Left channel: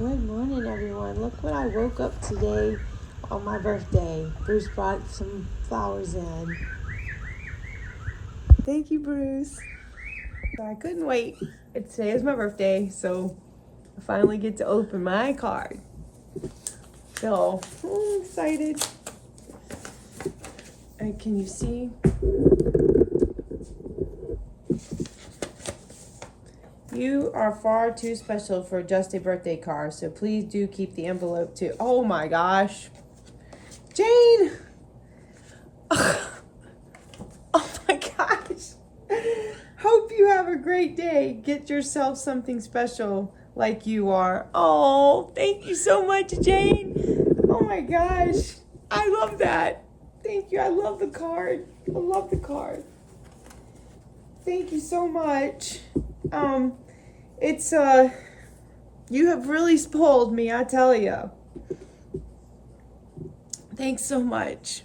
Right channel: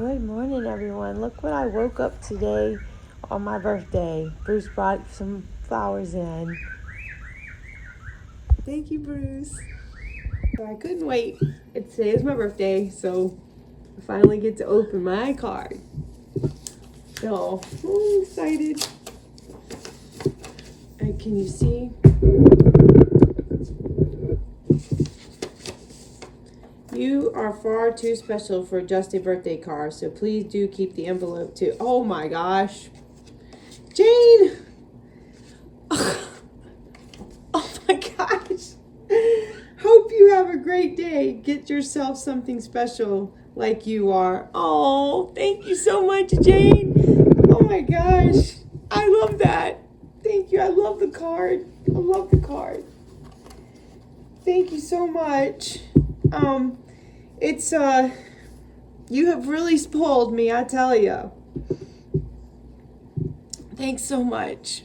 Good morning, everyone. Look what I woke up today on my birthday. Bruce brought some flowers in. Thank you, Bruce. So I couldn't wait. Today is my birthday, so I finally get to open my card. So I'm excited. All right, can you see? You are far too special for just a birthday card, so please do keep the envelope too. Oh my gosh. Jane! Oh my gosh. Hope you have a great day. Get yourself something special like you are. Oh, thank you so much, Jane. Oh my gosh. I love that. Thank you. I love the card. I love the card. Thank you so much. You have really spoiled me, I tell you. Thanks so much.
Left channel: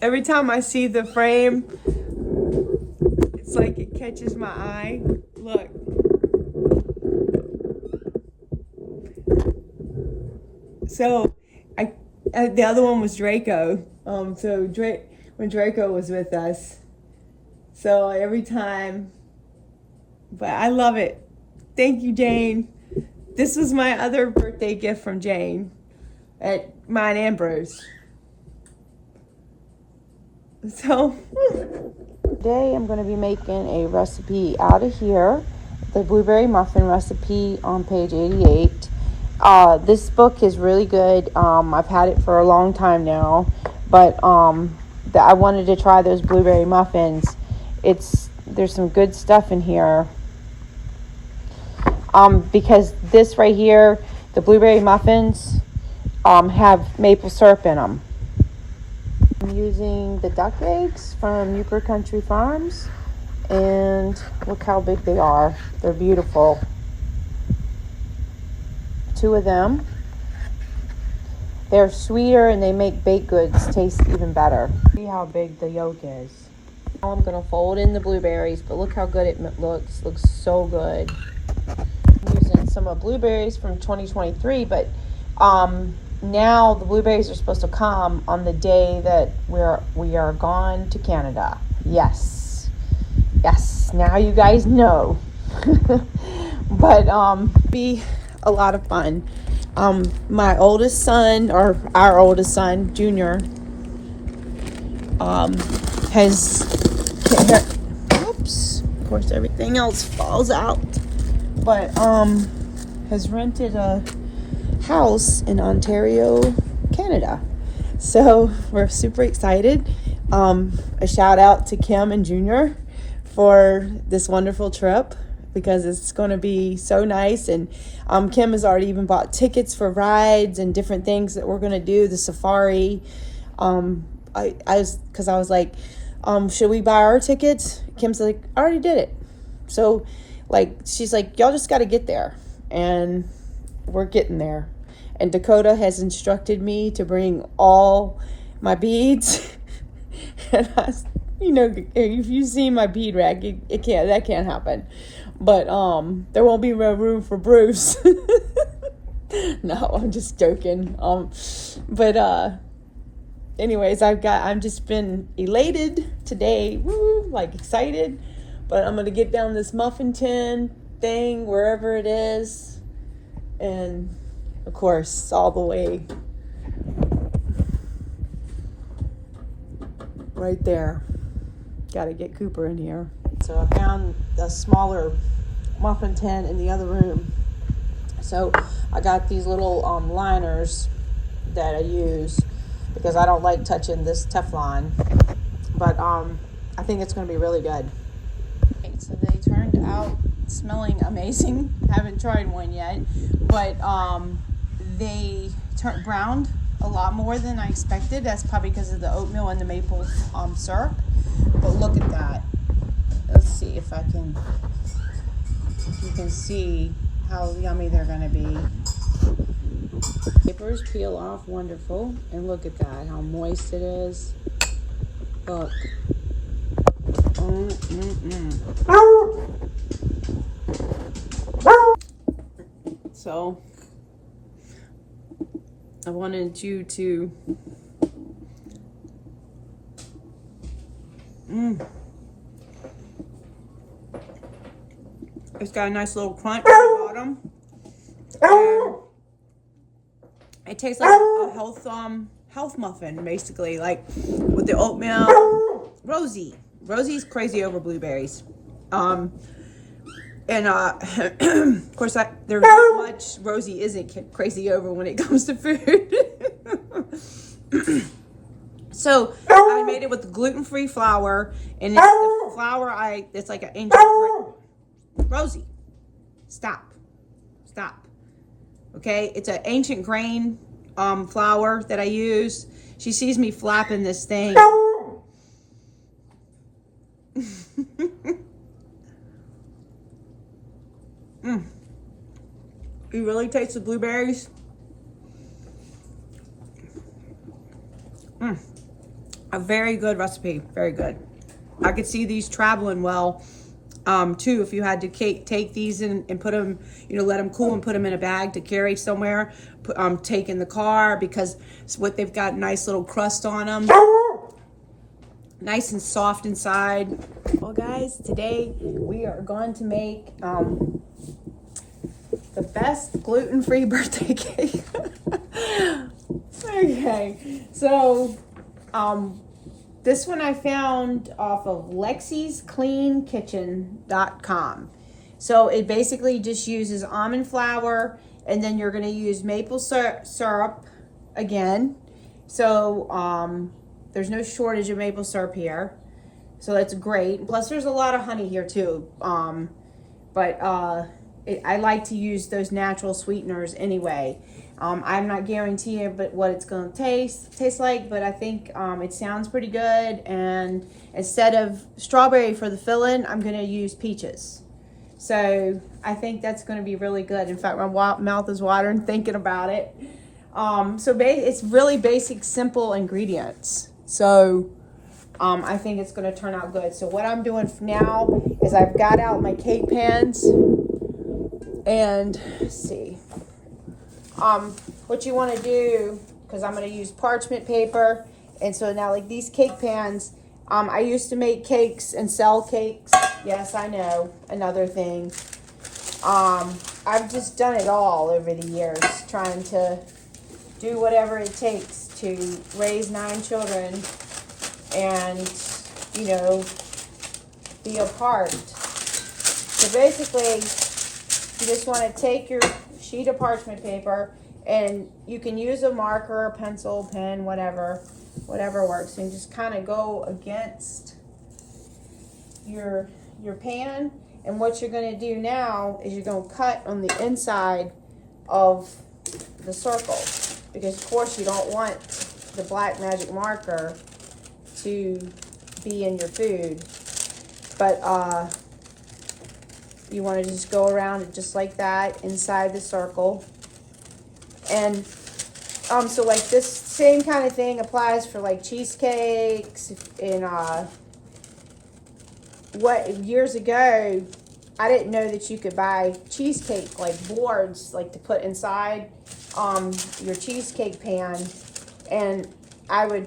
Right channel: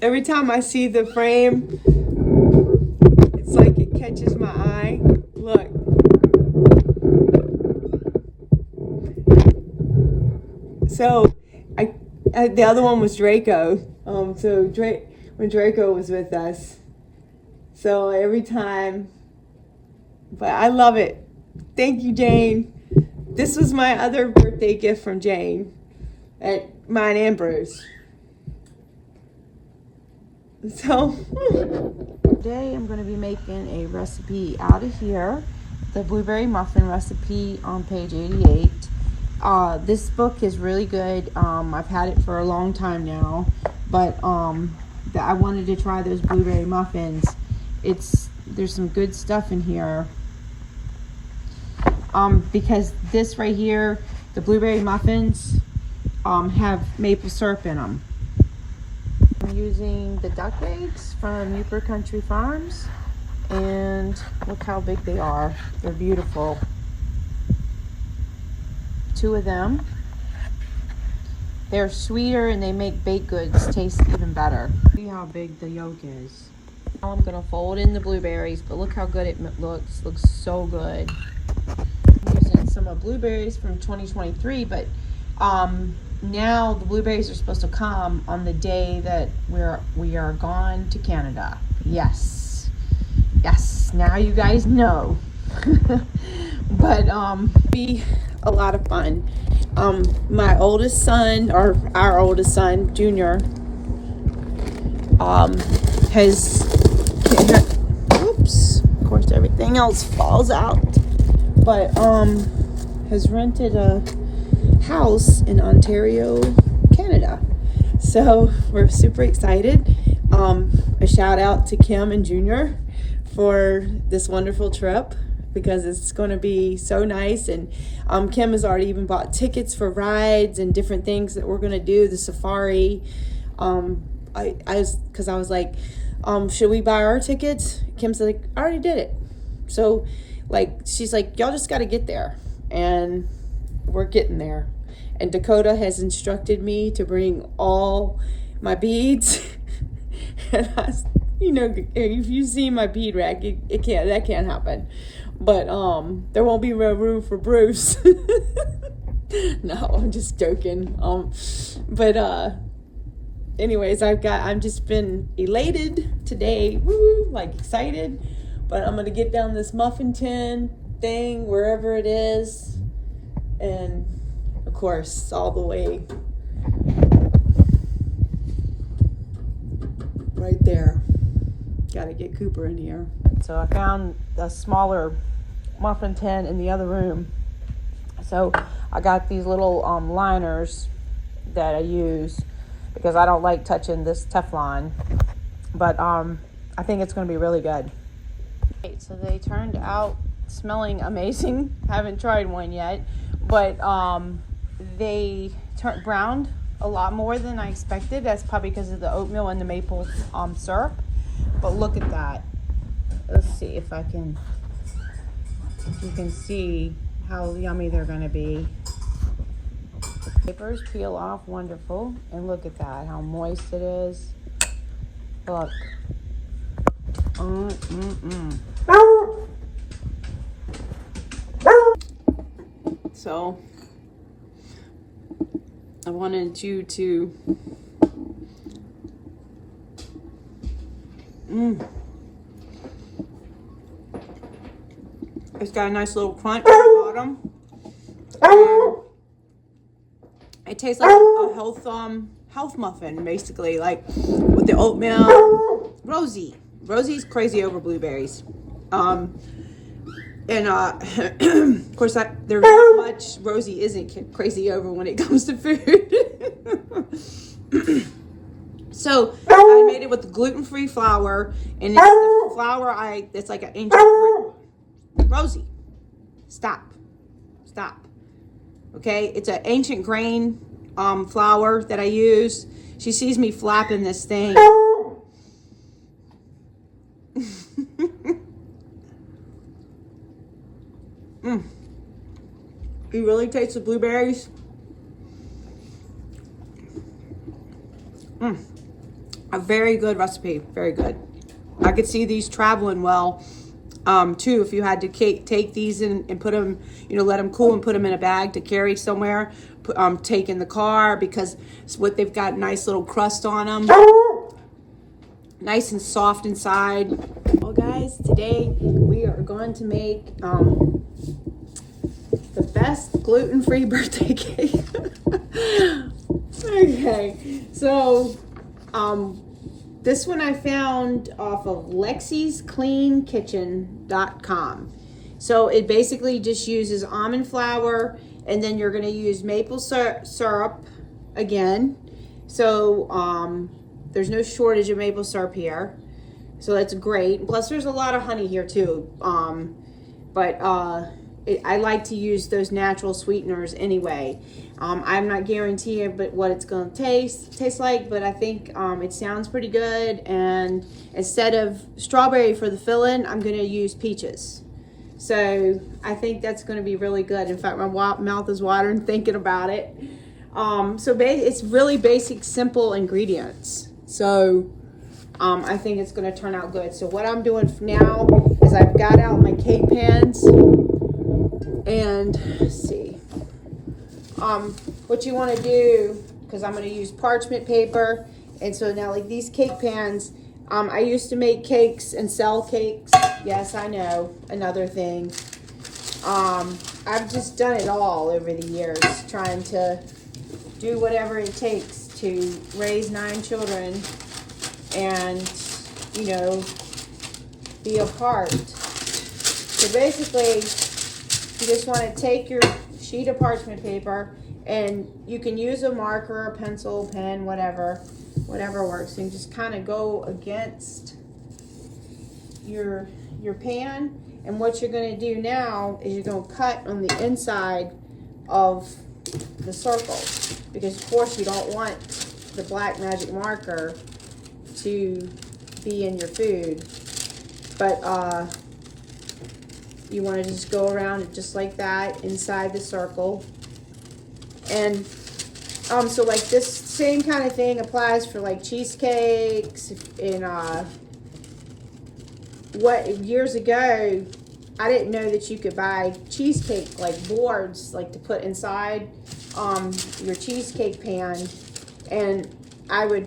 Every time I see the frame, it's like it catches my eye. Look. So, the other one was Draco. When Draco was with us. So every time, but I love it. Thank you, Jane. This was my other birthday gift from Jane at mine and Bruce. So today I'm going to be making a recipe out of here, the blueberry muffin recipe on page 88. This book is really good. I've had it for a long time now, but I wanted to try those blueberry muffins. There's some good stuff in here. Because this right here, the blueberry muffins, have maple syrup in them. I'm using the duck eggs from Newport Country Farms, and look how big they are. They're beautiful. 2 of them. They're sweeter and they make baked goods taste even better. See how big the yolk is. Now I'm gonna fold in the blueberries, but look how good it looks. Looks so good. I'm using some of blueberries from 2023, but now the blueberries are supposed to come on the day that we are gone to Canada. Yes, now you guys know. But be a lot of fun. My oldest son, or our oldest son, Junior, oops, of course everything else falls out, but has rented a house in Ontario, Canada. So we're super excited. A shout out to Kim and Junior for this wonderful trip, because it's going to be so nice. And Kim has already even bought tickets for rides and different things that we're going to do, the safari. Because I was like, should we buy our tickets? Kim's like, I already did it. So she's like, y'all just got to get there, and we're getting there. And Dakota has instructed me to bring all my beads. And if you see my bead rack, that can't happen. But there won't be no room for Bruce. No, I'm just joking. But anyways, I'm just been elated today. Woo, excited. But I'm gonna get down this muffin tin thing wherever it is, and of course all the way right there. Got to get Cooper in here. So I found a smaller muffin tin in the other room. So I got these little liners that I use because I don't like touching this Teflon. But I think it's going to be really good. Okay, so they turned out smelling amazing. Haven't tried one yet, but they browned a lot more than I expected. That's probably because of the oatmeal and the maple syrup. But look at that. Let's see if you can see how yummy they're going to be. Zippers peel off wonderful. And look at that, how moist it is. Look. So I wanted you to it's got a nice little crunch at the bottom. And it tastes like a health muffin, basically, like with the oatmeal. Rosie's crazy over blueberries. And of course, there's not much Rosie isn't crazy over when it comes to food. So I made it with the gluten-free flour, and it's the flour it's like an ancient Rosie, stop. Okay, it's an ancient grain flour that I use. She sees me flapping this thing. You really taste the blueberries? A very good recipe, very good. I could see these traveling well too, if you had to take these and put them, let them cool and put them in a bag to carry somewhere, take in the car, because they've got nice little crust on them, nice and soft inside. Well guys, today we are going to make the best gluten-free birthday cake. Okay, so this one I found off of lexiscleankitchen.com. So it basically just uses almond flour, and then you're going to use maple syrup again. So there's no shortage of maple syrup here. So that's great. Plus there's a lot of honey here too. I like to use those natural sweeteners anyway. I'm not guaranteeing what it's going to taste like, but I think it sounds pretty good. And instead of strawberry for the filling, I'm going to use peaches. So I think that's going to be really good. In fact, my mouth is watering thinking about it. It's really basic, simple ingredients. So I think it's going to turn out good. So what I'm doing now is I've got out my cake pans. And let's see. What you want to do, because I'm going to use parchment paper, and so now like these cake pans, I used to make cakes and sell cakes. Yes, I know, another thing. I've just done it all over the years, trying to do whatever it takes to raise 9 children and, be a part. So basically, you just want to take your sheet of parchment paper, and you can use a marker, a pencil, pen, whatever works, and just kind of go against your pan. And what you're going to do now is you're going to cut on the inside of the circle, because of course you don't want the black magic marker to be in your food, but you want to just go around it just like that inside the circle. And so like this same kind of thing applies for like cheesecakes. And years ago, I didn't know that you could buy cheesecake like boards like to put inside your cheesecake pan. And I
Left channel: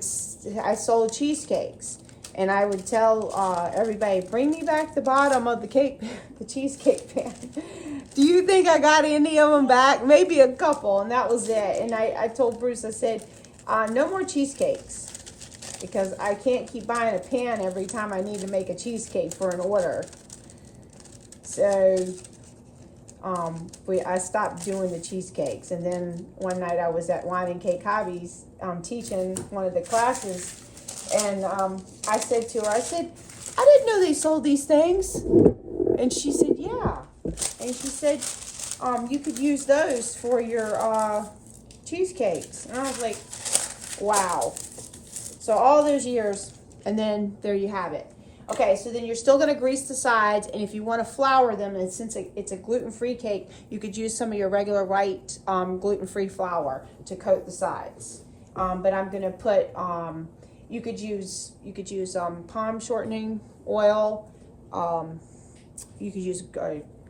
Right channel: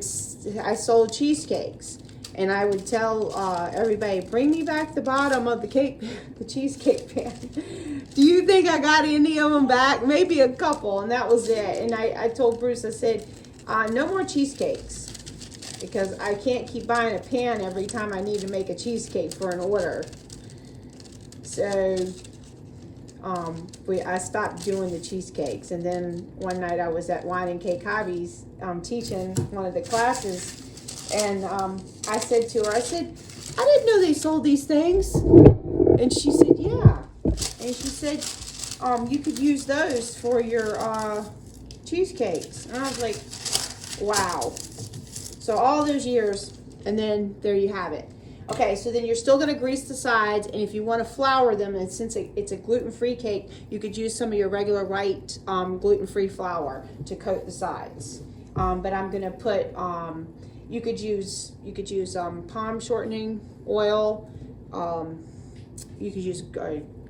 sold cheesecakes. And I would tell everybody, bring me back the bottom of the cheesecake pan. Do you think I got any of them back? Maybe a couple, and that was it. And I told Bruce, I said, no more cheesecakes, because I can't keep buying a pan every time I need to make a cheesecake for an order. So I stopped doing the cheesecakes. And then one night I was at Wine and Cake Hobbies teaching one of the classes. And I said to her, I didn't know they sold these things. And she said, yeah. And she said, you could use those for your cheesecakes. And I was like, wow. So all those years, and then there you have it. Okay, so then you're still going to grease the sides. And if you want to flour them, and since it's a gluten-free cake, you could use some of your regular white gluten-free flour to coat the sides. But I'm going to put... You could use palm shortening oil. You could use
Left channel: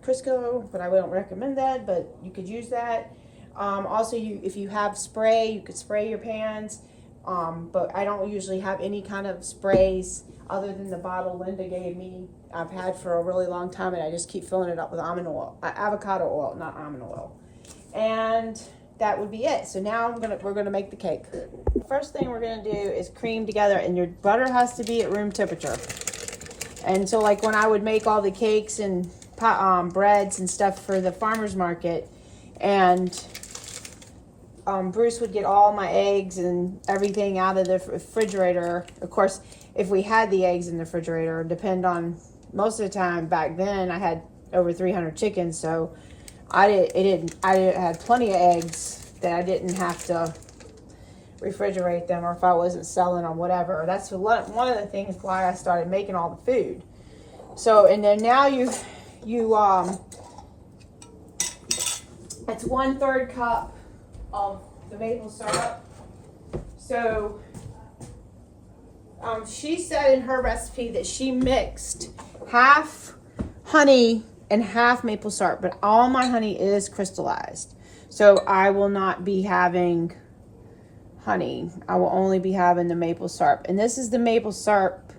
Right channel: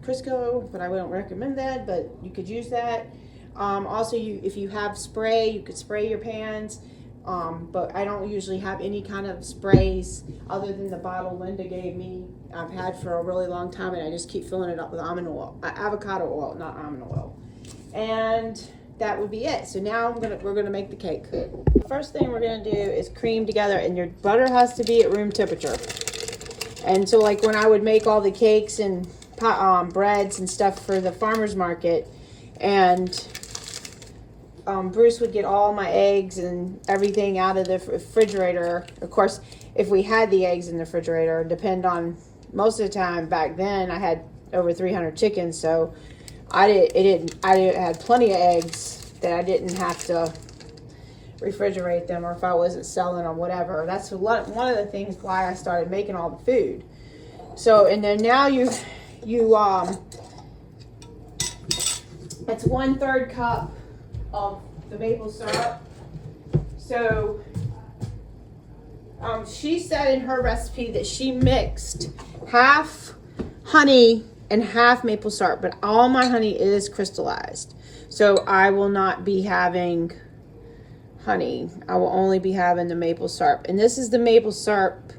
Crisco, but I wouldn't recommend that, but you could use that. Also, if you have spray, you could spray your pans. But I don't usually have any kind of sprays other than the bottle Linda gave me. I've had for a really long time, and I just keep filling it up with almond oil, avocado oil, not almond oil. And that would be it. So now we're gonna make the cake. The first thing we're gonna do is cream together, and your butter has to be at room temperature. And so, like when I would make all the cakes and breads and stuff for the farmer's market, and Bruce would get all my eggs and everything out of the refrigerator. Of course, if we had the eggs in the refrigerator, depend on, most of the time back then I had over 300 chickens, so I had plenty of eggs that I didn't have to refrigerate them, or if I wasn't selling or whatever. That's one of the things why I started making all the food. So, and then now it's 1/3 cup of the maple syrup. So she said in her recipe that she mixed half honey and half maple syrup, but all my honey is crystallized, so I will not be having honey. I will only be having the maple syrup. And this is the maple syrup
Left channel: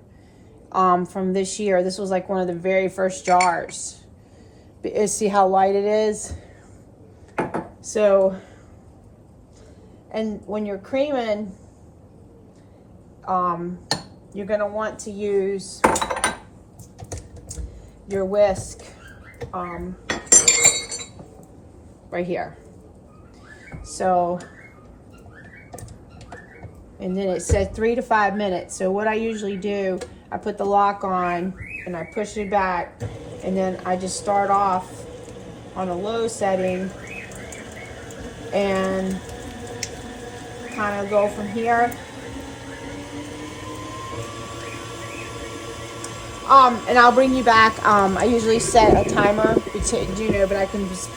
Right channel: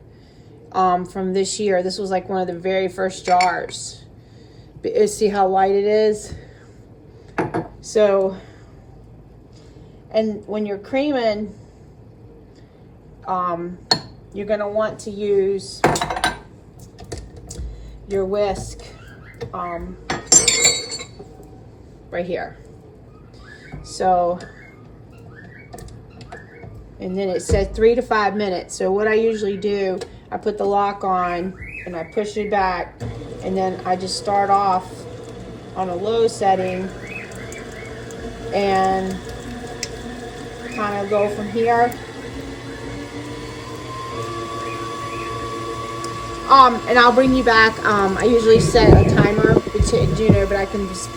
from this year. This was like one of the very first jars. See how light it is? So, and when you're creaming, you're going to want to use your whisk right here. So, and then it said 3 to 5 minutes. So what I usually do, I put the lock on and I push it back, and then I just start off on a low setting and kind of go from here. And I'll bring you back. I usually set a timer, but I can just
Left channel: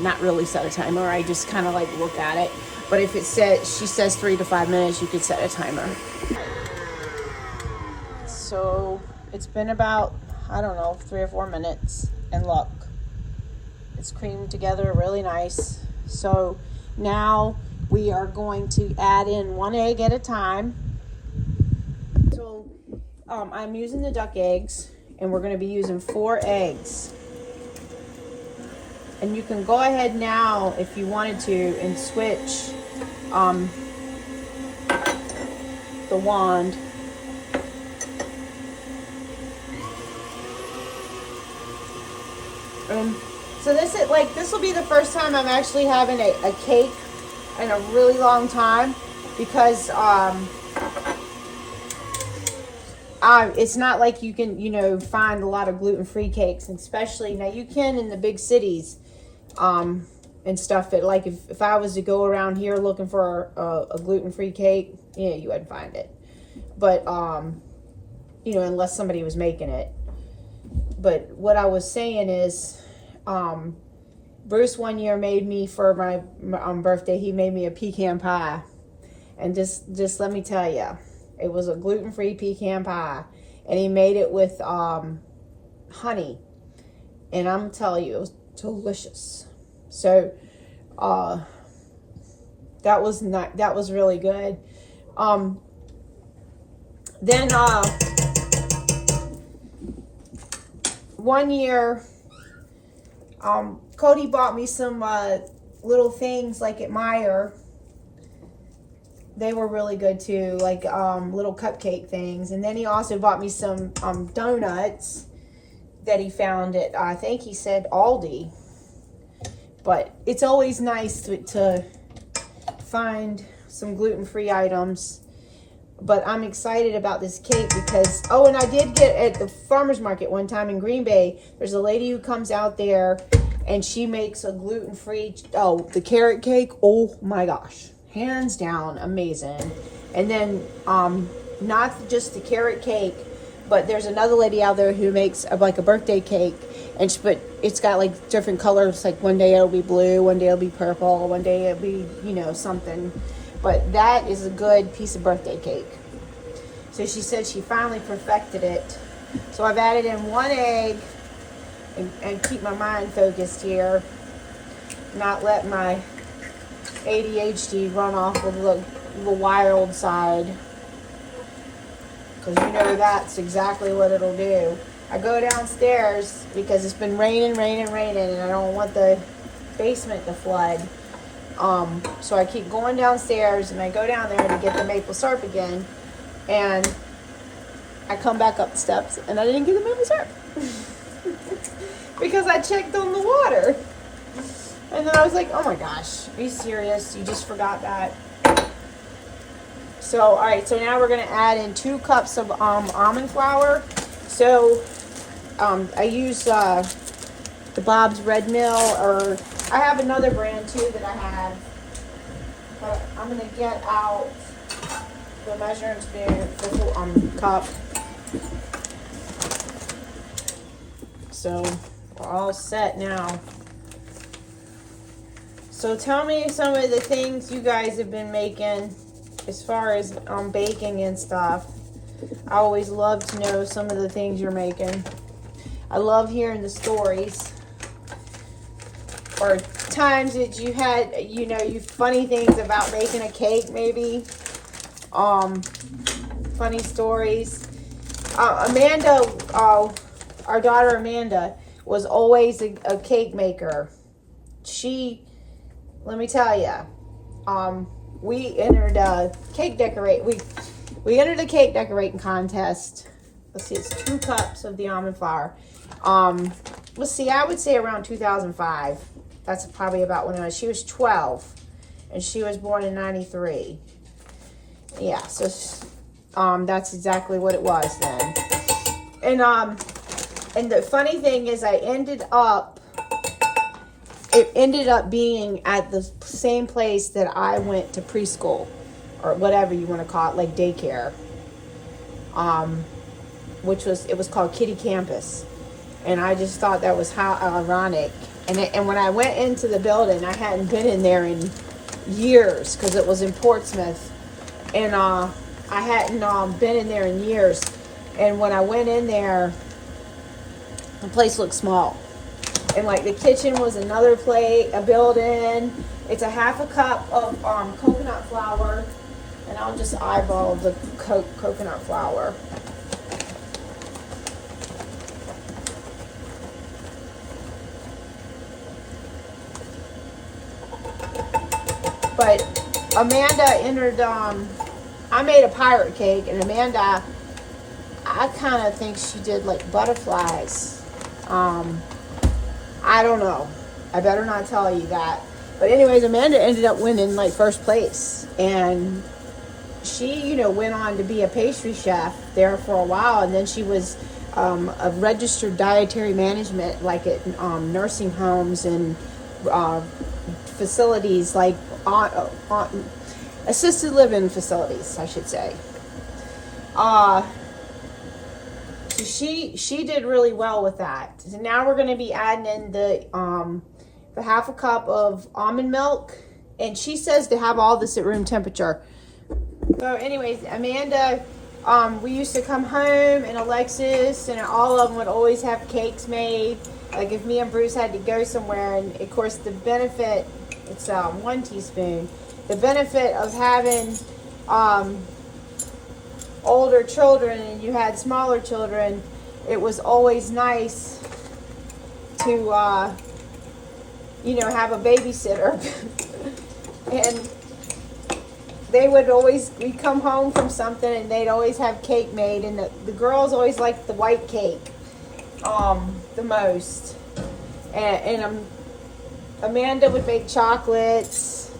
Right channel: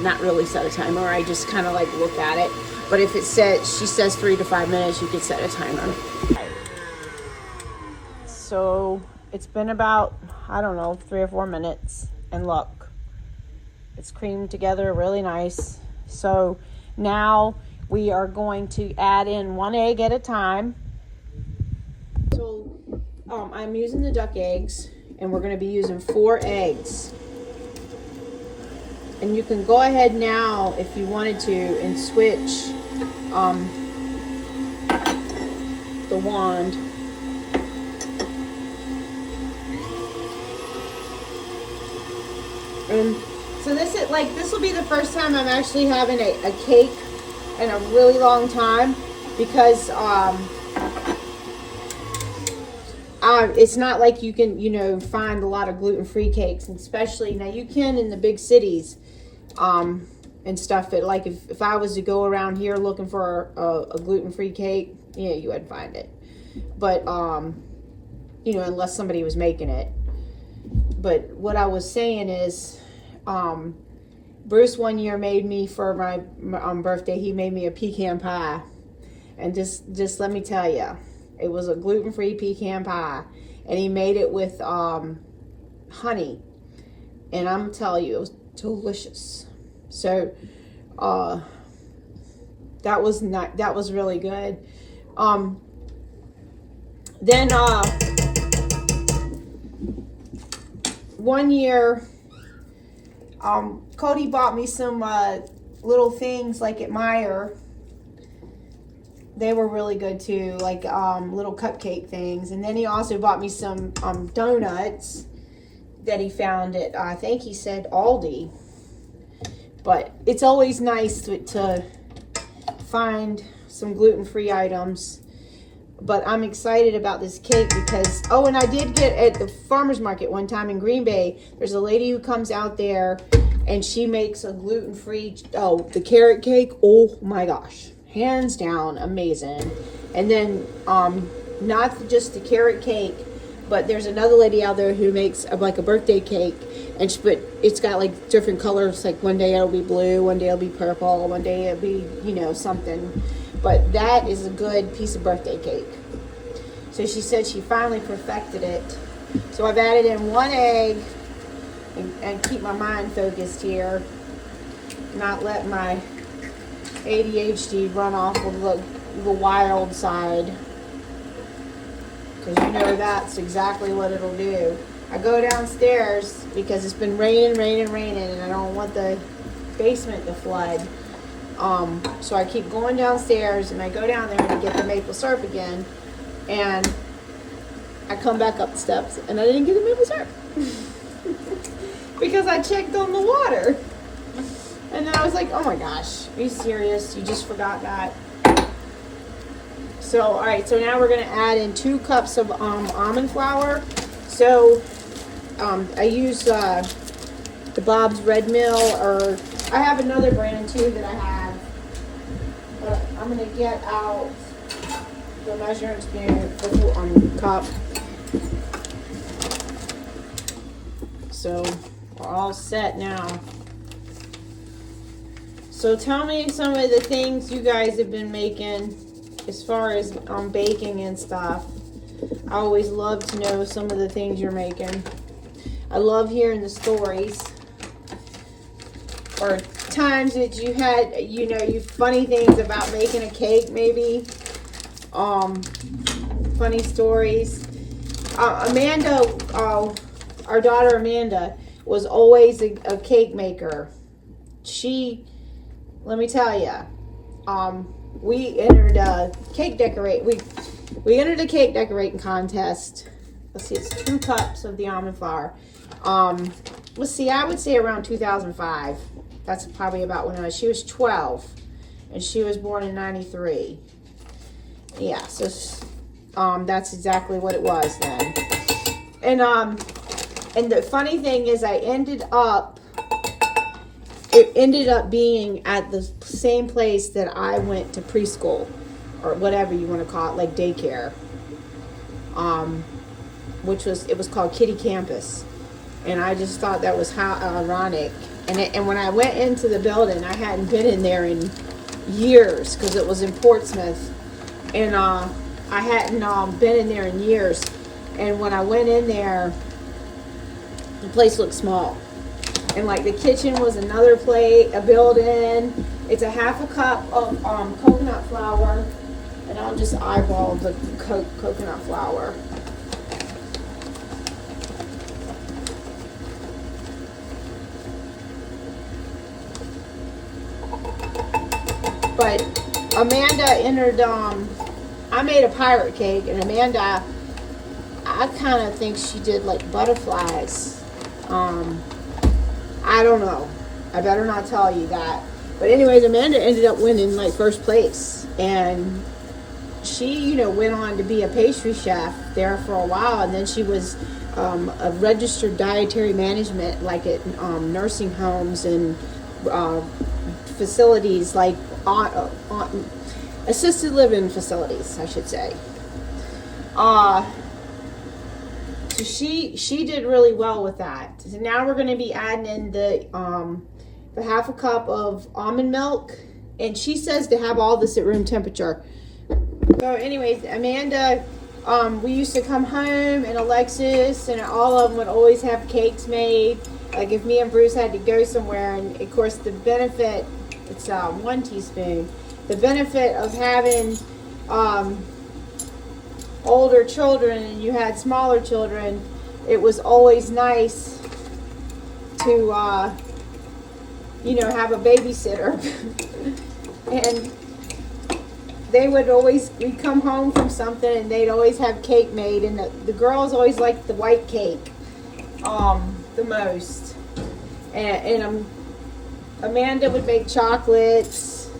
not really set a timer. I just kind of like look at it. But if she says 3 to 5 minutes, you could set a timer. So it's been about, I don't know, 3 or 4 minutes, and look, it's creamed together really nice. So now we are going to add in 1 egg at a time. So I'm using the duck eggs, and we're going to be using 4 eggs. And you can go ahead now if you wanted to and switch the wand. And so this will be the first time I'm actually having a cake in a really long time, because it's not like you can find a lot of gluten-free cakes, and especially now you can in the big cities and stuff. But like if I was to go around here looking for a gluten-free cake, yeah, you wouldn't find it. But unless somebody was making it. But what I was saying is, Bruce one year made me, for my birthday, he made me a pecan pie. And just let me tell you, it was a gluten-free pecan pie. And he made it with honey. And I'm telling you, it was delicious. So that was really good. Then one year, Cody bought me some little things like at Meijer. They were really good too, like little cupcake things. And then he also bought me some donuts that he found at, I think he said Aldi. But it's always nice to find some gluten-free items. But I'm excited about this cake because, and I did get at the farmer's market one time in Green Bay, there's a lady who comes out there and she makes a gluten-free, the carrot cake. Oh my gosh, hands down amazing. And then not just the carrot cake, but there's another lady out there who makes like a birthday cake, but it's got like different colors. Like one day it'll be blue, one day it'll be purple, one day it'll be something. But that is a good piece of birthday cake. So she said she finally perfected it. So I've added in 1 egg, and keep my mind focused here. Not let my ADHD run off of the wild side. Because you know that's exactly what it'll do. I go downstairs because it's been raining, and I don't want the basement to flood. So I keep going downstairs, and I go down there to get the maple syrup again, and I come back up the steps, and I didn't get the maple syrup because I checked on the water, and then I was like, "Oh my gosh, are you serious? You just forgot that?" So all right, so now we're gonna add in 2 cups of almond flour. So I use the Bob's Red Mill, or I have another brand too that I have. But I'm gonna get out the measuring spoon, the cup. So we're all set now. So tell me some of the things you guys have been making as far as baking and stuff. I always love to know some of the things you're making. I love hearing the stories, or times that you had, you funny things about making a cake, maybe. Funny stories. Amanda, our daughter Amanda, was always a cake maker. Let me tell you, we entered a cake we entered a cake decorating contest. Let's see, it's 2 cups of the almond flour. Let's see, I would say around 2005. That's probably about when she was 12, and she was born in 93. Yeah, so that's exactly what it was then. And the funny thing is, it ended up being at the same place that I went to preschool, or whatever you want to call it, like daycare. It was called Kitty Campus. And I just thought that was how ironic. And when I went into the building, I hadn't been in there in years because it was in Portsmouth. And I hadn't been in there in years. And when I went in there, the place looked small. And like the kitchen was another a building. It's a 1/2 cup of coconut flour. And I'll just eyeball the coconut flour. But Amanda entered, I made a pirate cake, and Amanda, I kind of think she did like butterflies. I don't know. I better not tell you that. But anyways, Amanda ended up winning like first place. And she, went on to be a pastry chef there for a while. And then she was a registered dietary management, like at nursing homes and facilities, like assisted living facilities, I should say. So she did really well with that. So now we're going to be adding in the 1/2 cup of almond milk, and she says to have all this at room temperature. So anyways, Amanda, we used to come home, and Alexis and all of them would always have cakes made. Like if me and Bruce had to go somewhere, and of course the benefit, it's 1 teaspoon. The benefit of having older children and you had smaller children, it was always nice to have a babysitter. And we'd come home from something, and they'd always have cake made, and the girls always liked the white cake the most. And Amanda would make chocolates.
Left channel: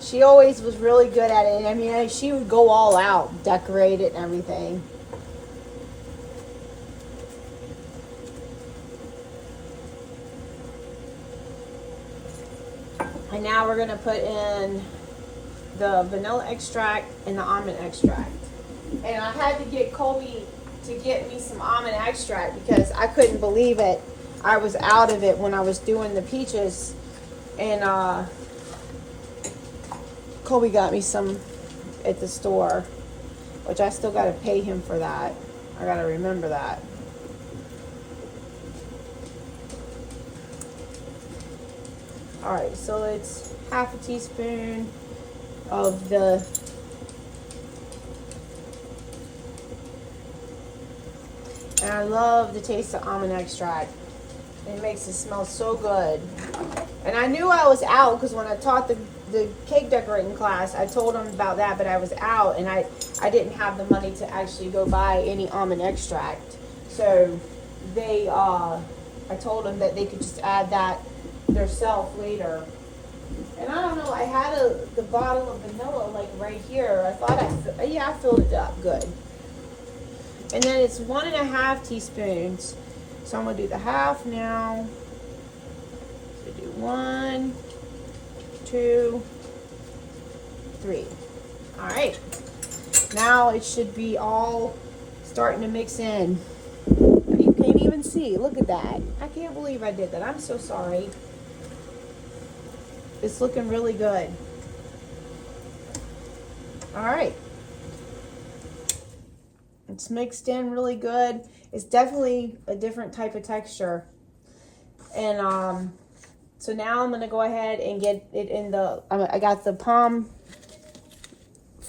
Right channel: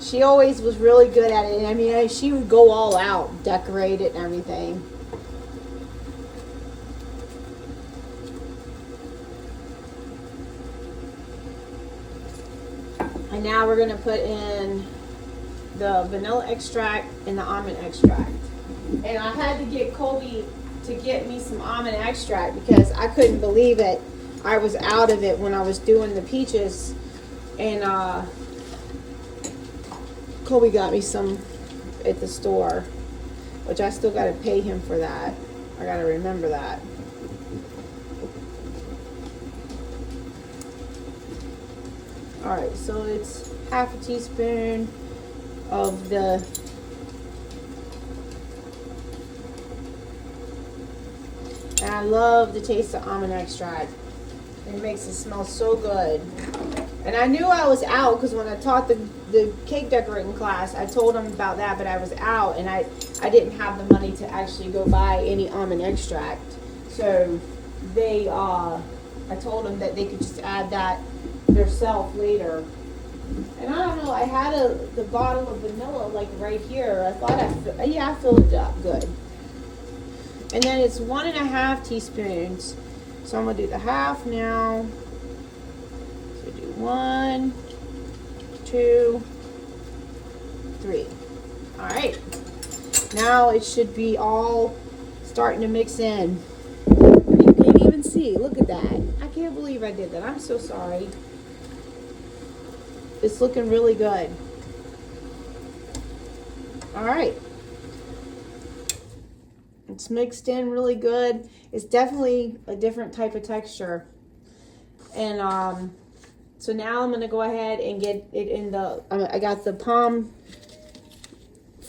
She always was really good at it. And I mean, she would go all out, decorate it and everything. And now we're going to put in the vanilla extract and the almond extract. And I had to get Colby to get me some almond extract because I couldn't believe it. I was out of it when I was doing the peaches. And Colby got me some at the store, which I still got to pay him for that. I got to remember that. All right, so it's half a teaspoon of the and I love the taste of almond extract. It makes it smell so good. And I knew I was out because when I taught the cake decorating class, I told them about that, but I was out and I didn't have the money to actually go buy any almond extract. So they, I told them that they could just add that themselves later. And I don't know, I had the bottle of vanilla like right here. I thought I filled it up good. And then it's 1.5 teaspoons. So I'm gonna do the half now. So do 1, 2, 3. All right. Now it should be all starting to mix in. You can't even see. Look at that. I can't believe I did that. I'm so sorry. It's looking really good. All right. It's mixed in really good. It's definitely a different type of texture. And so now I'm going to go ahead and get it in the, I got the palm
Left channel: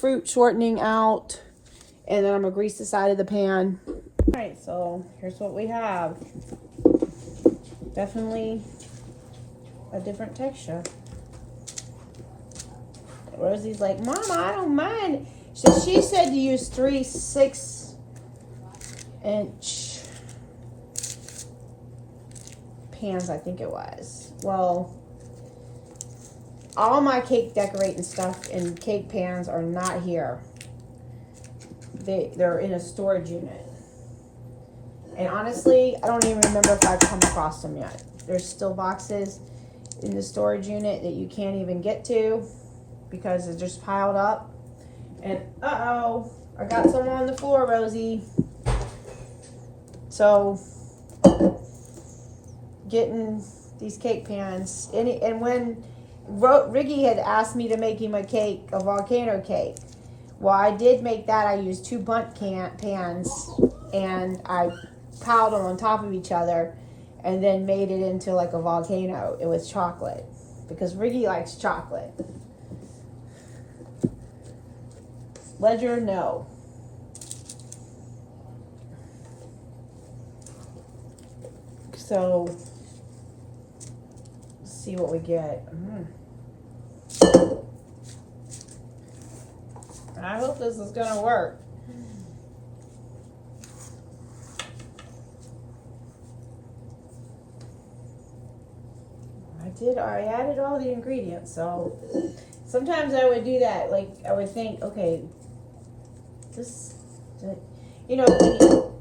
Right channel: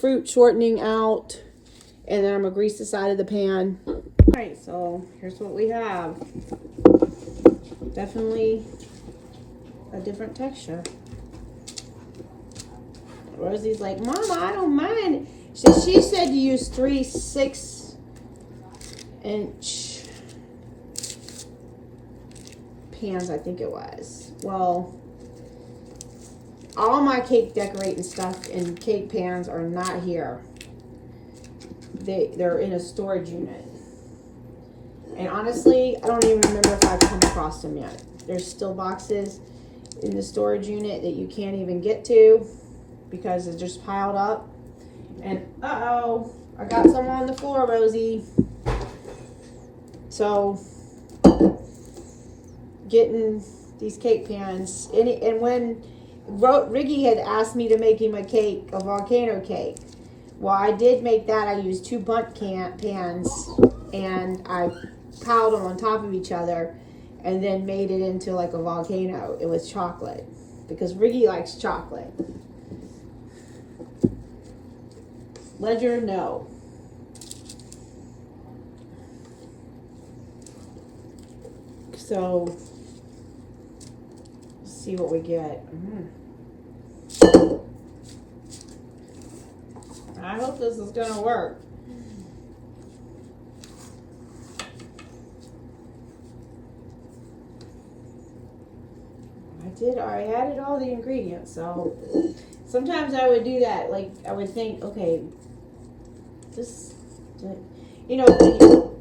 fruit shortening out. And then I'm going to grease the side of the pan. All right, so here's what we have. Definitely a different texture. Rosie's like, Mama, I don't mind. She said to use 3 6-inch pans, I think it was. Well, all my cake decorating stuff and cake pans are not here. They're in a storage unit. And honestly, I don't even remember if I've come across them yet. There's still boxes in the storage unit that you can't even get to because it's just piled up. And uh-oh, I got some on the floor, Rosie. So, getting these cake pans. And when Riggy had asked me to make him a volcano cake. Well, I did make that. I used 2 bundt pans and I piled them on top of each other and then made it into like a volcano. It was chocolate because Riggy likes chocolate. Ledger, no. So, let's see what we get. I hope this is gonna work. I added all the ingredients, so sometimes I would do that. Like, I would think, okay, this, you know,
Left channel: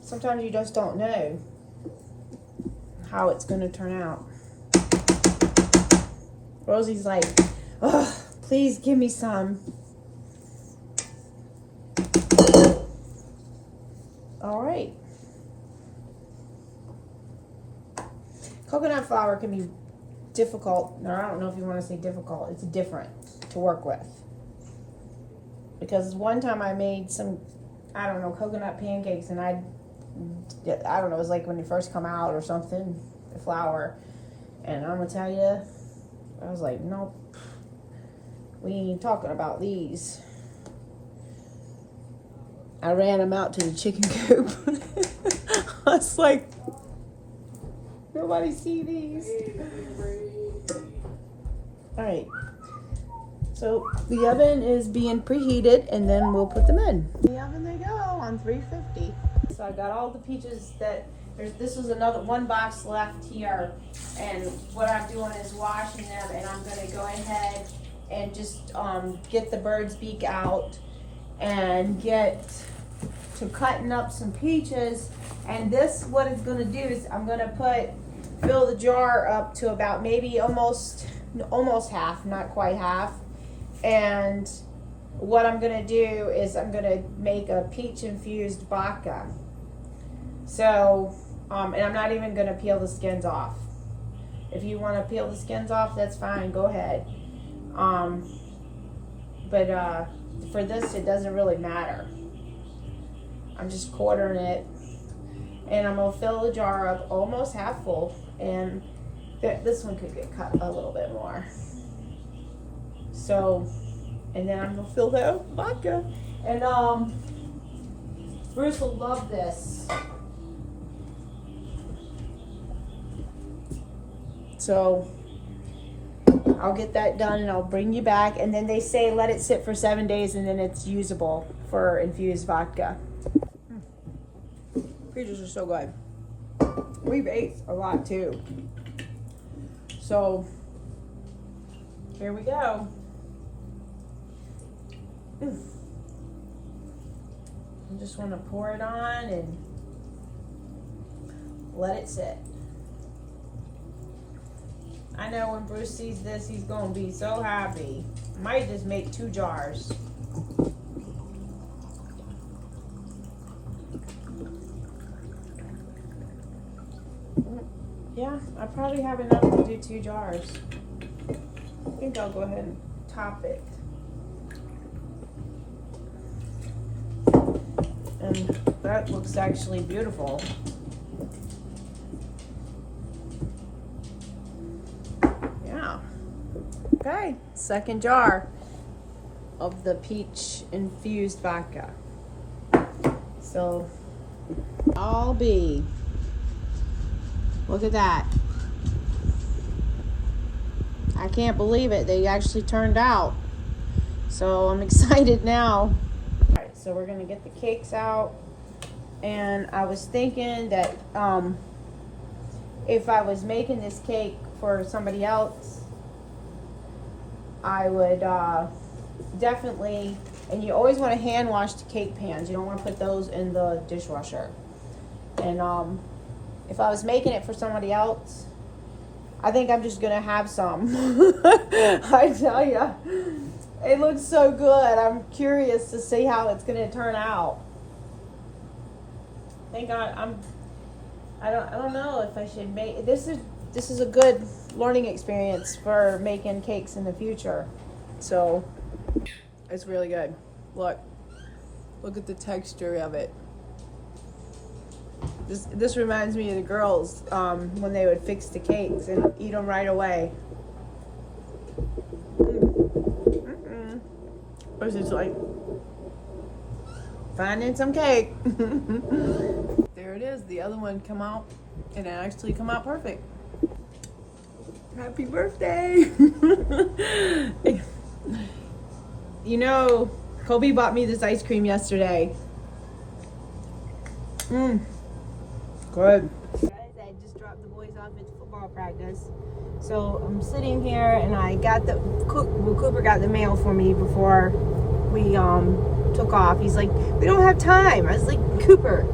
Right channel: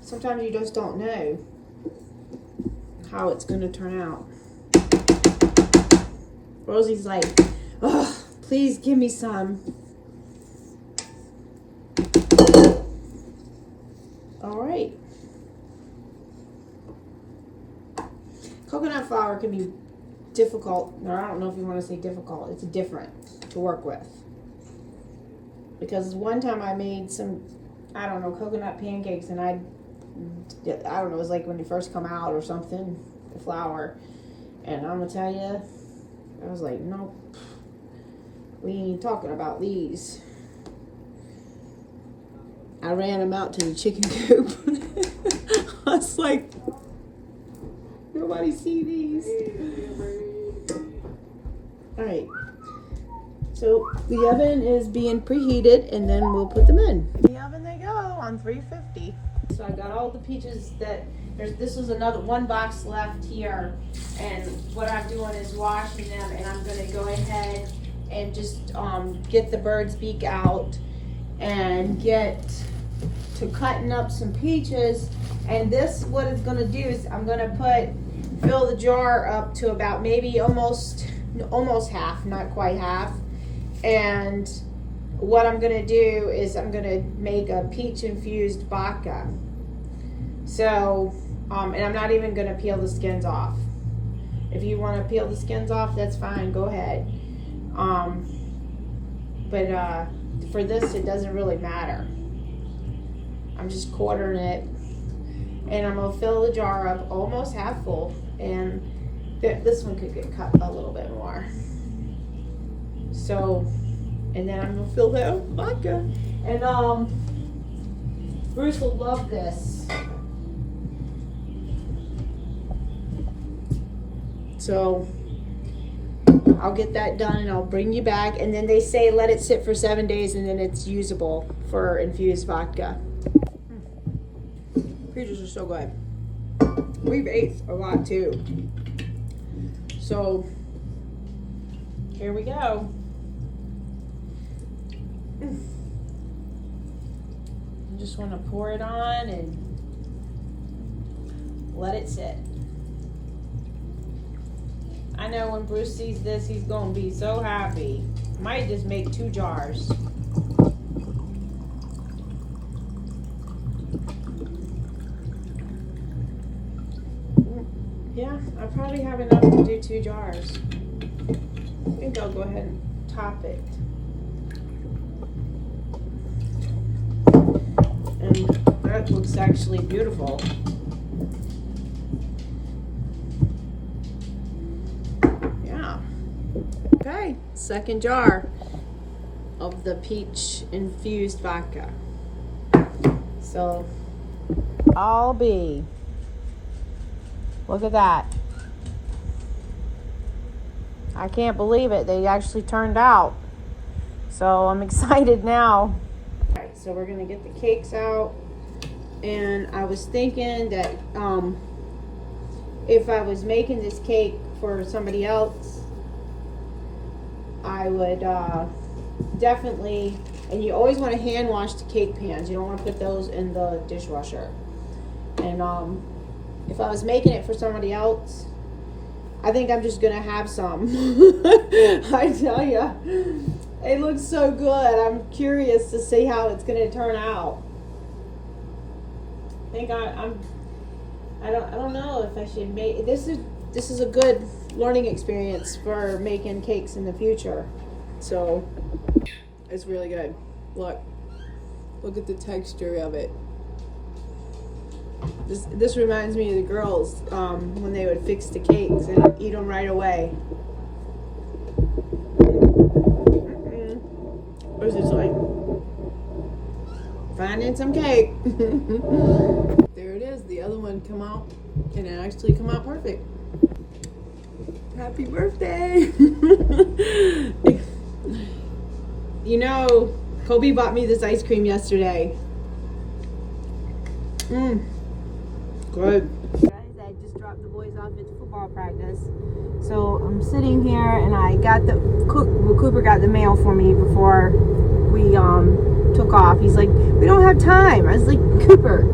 sometimes you just don't know how it's going to turn out. Rosie's like, oh, please give me some. All right. Coconut flour can be difficult, or I don't know if you want to say difficult. It's different to work with. Because one time I made some, I don't know, coconut pancakes, and I don't know, it was like when they first come out or something, the flour. And I'm going to tell you, I was like, nope, we ain't talking about these. I ran them out to the chicken coop. I was like, nobody see these. All right. So the oven is being preheated, and then we'll put them in. The oven they go on 350. So I got all the peaches that this was another 1 box left here, and what I'm doing is washing them, and I'm going to go ahead and just get the bird's beak out and get to cutting up some peaches. And this, what it's going to do is I'm going to fill the jar up to about maybe almost half, not quite half. And what I'm going to do is I'm going to make a peach infused vodka. So, and I'm not even going to peel the skins off. If you want to peel the skins off, that's fine. Go ahead. But for this, it doesn't really matter. I'm just quartering it. And I'm going to fill the jar up almost half full. And This one could get cut a little bit more. So, and then I'm gonna fill that with vodka. And Bruce will love this. So I'll get that done and I'll bring you back. And then they say let it sit for 7 days and then it's usable for infused vodka. Peaches are so good. We've ate a lot too. So here we go. I just want to pour it on and let it sit. I know when Bruce sees this, he's going to be so happy. Might just make 2 jars. Yeah, I probably have enough to do 2 jars. I think I'll go ahead and top it. And that looks actually beautiful. Yeah. Okay, second jar of the peach infused vodka. So I'll be. Look at that. I can't believe it. They actually turned out. So I'm excited now. Alright, so we're gonna get the cakes out. And I was thinking that if I was making this cake for somebody else, I would definitely, and you always want to hand wash the cake pans. You don't want to put those in the dishwasher. And if I was making it for somebody else, I think I'm just gonna have some. I tell ya, it looks so good. I'm curious to see how it's gonna turn out. I think I don't know if I should make this is a good learning experience for making cakes in the future. So it's really good. Look at the texture of it. This reminds me of the girls when they would fix the cakes and eat them right away. Or is it like finding some cake? There it is. The other one come out and it actually come out perfect. Happy birthday! You know, Kobe bought me this ice cream yesterday. Good. Guys, I just dropped the boys off at football practice. So I'm sitting here and I got Cooper got the mail for me before we took off. He's like, we don't have time. I was like, Cooper,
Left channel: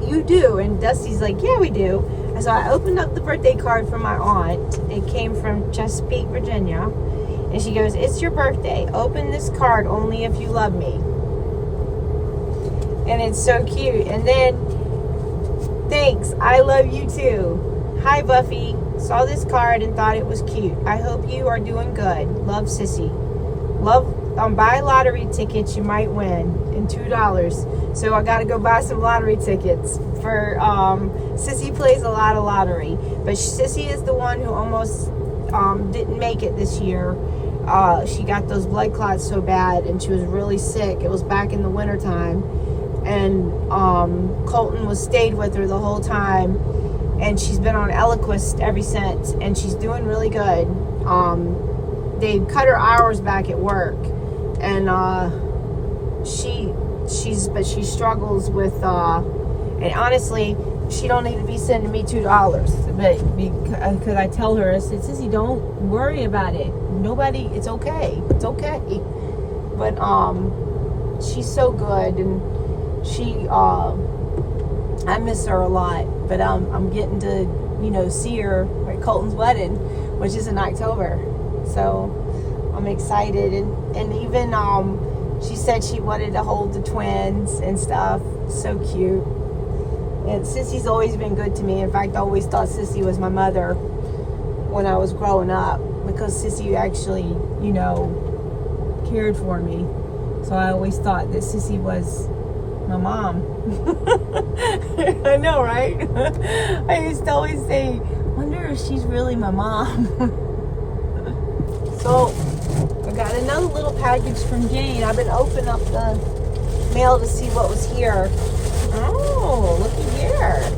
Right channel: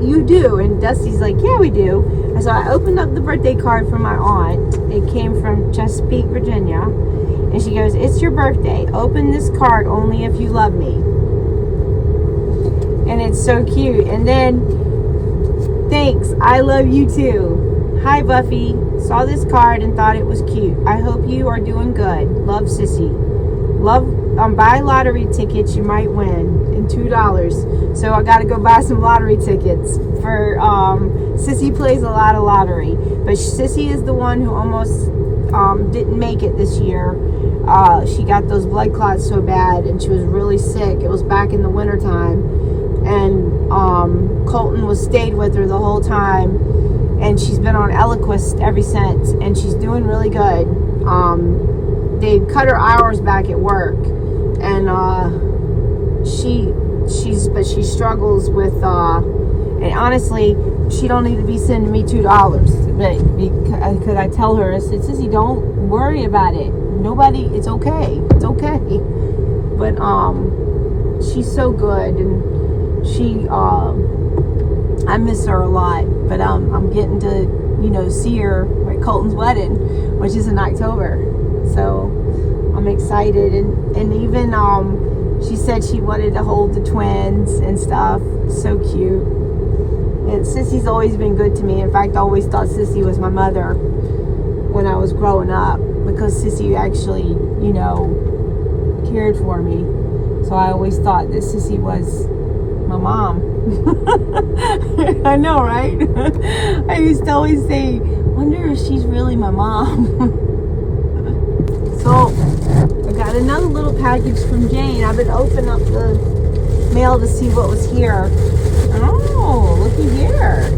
you do. And Dusty's like, yeah, we do. And so I opened up the birthday card from my aunt. It came from Chesapeake, Virginia. And she goes, it's your birthday. Open this card only if you love me. And it's so cute. And then, thanks, I love you too. Hi, Buffy. Saw this card and thought it was cute. I hope you are doing good. Love, Sissy. Love, buy lottery tickets you might win. And $2. So I got to go buy some lottery tickets. For Sissy plays a lot of lottery. But Sissy is the one who almost didn't make it this year. She got those blood clots so bad and she was really sick. It was back in the wintertime. And Colton stayed with her the whole time, and she's been on Eliquis ever since, and she's doing really good. They cut her hours back at work, and she struggles with and honestly, she don't need to be sending me $2, but because I tell her, I said, Sissy, don't worry about it. It's okay, but she's so good, and she I miss her a lot, but I'm getting to see her at Colton's wedding, which is in October, so I'm excited. And even she said she wanted to hold the twins and stuff. So cute. And Sissy's always been good to me. In fact, I always thought Sissy was my mother when I was growing up, because Sissy actually cared for me. So I always thought that Sissy was my mom. I know, right? I used to always say, Wonder if she's really my mom. So, I got another little package from Jane. I've been opening up the mail to see what was here. Oh, looky here.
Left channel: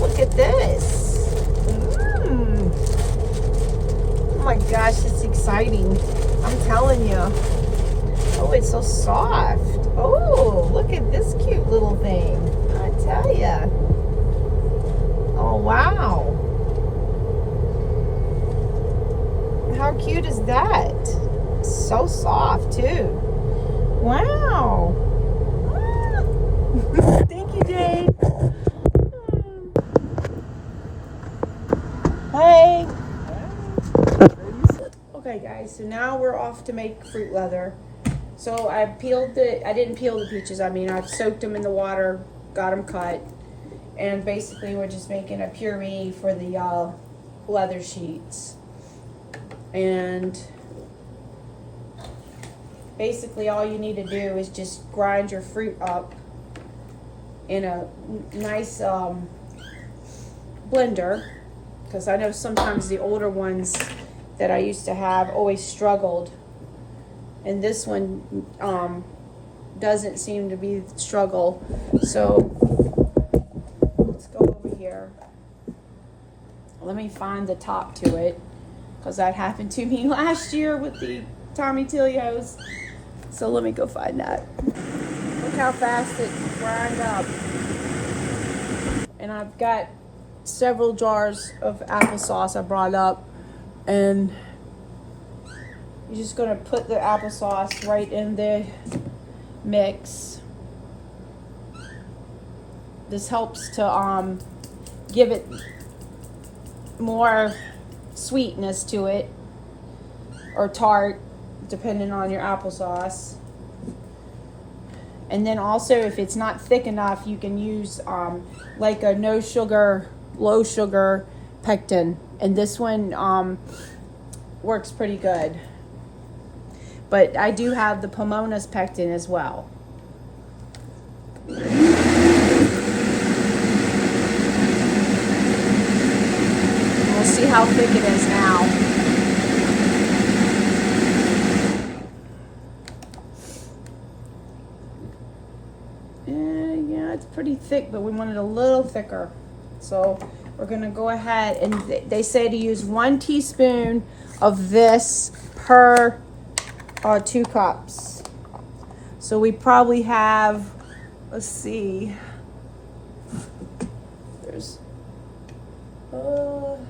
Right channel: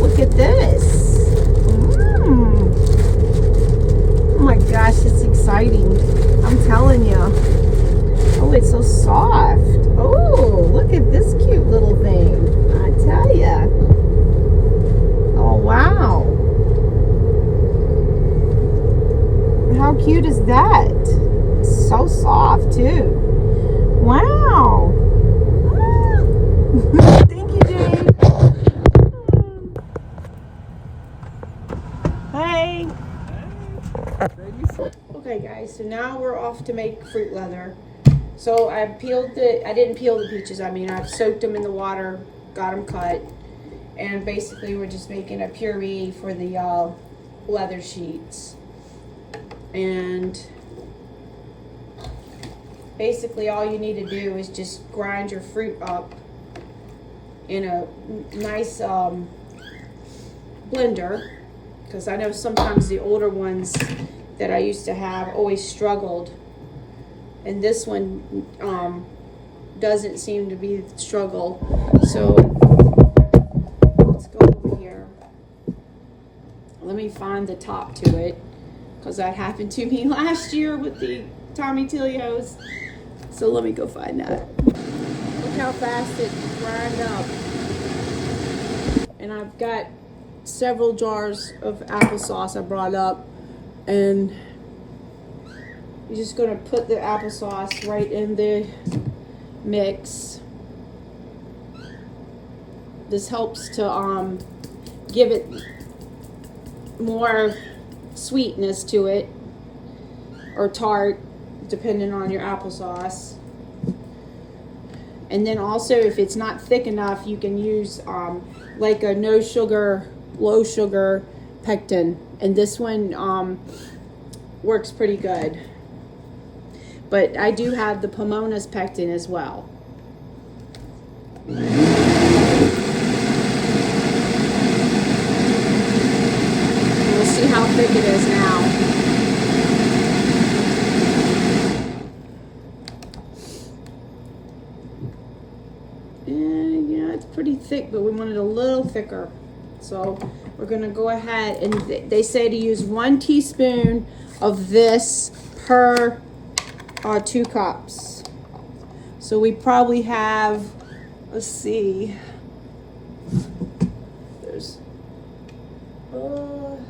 Look at this. Oh my gosh, it's exciting. I'm telling you. Oh, it's so soft. Oh, look at this cute little thing. I tell ya. Oh, wow. How cute is that? So soft, too. Wow. Thank you, Jane. Hey. Okay, guys, so now we're off to make fruit leather. So I didn't peel the peaches. I mean, I soaked them in the water, got them cut. And basically we're just making a puree for the leather sheets. And basically all you need to do is just grind your fruit up in a nice blender, because I know sometimes the older ones that I used to have always struggled, and this one doesn't seem to be the struggle. So let's go over here. Let me find the top to it, because that happened to me last year with the Tommy Tilios. So let me go find that. Look how fast it grind up. And I've got several jars of applesauce I brought up, and you're just gonna put the applesauce right in the mix. This helps to give it more sweetness to it, or tart, depending on your applesauce. And then also, if it's not thick enough, you can use like a no sugar, low sugar pectin, and this one works pretty good. But I do have the Pomona's pectin as well. We'll see how thick it is now. Yeah, it's pretty thick, but we want it a little thicker. So we're gonna go ahead, and they say to use 1 teaspoon of this per 2 cups. So we probably have, let's see, there's, let's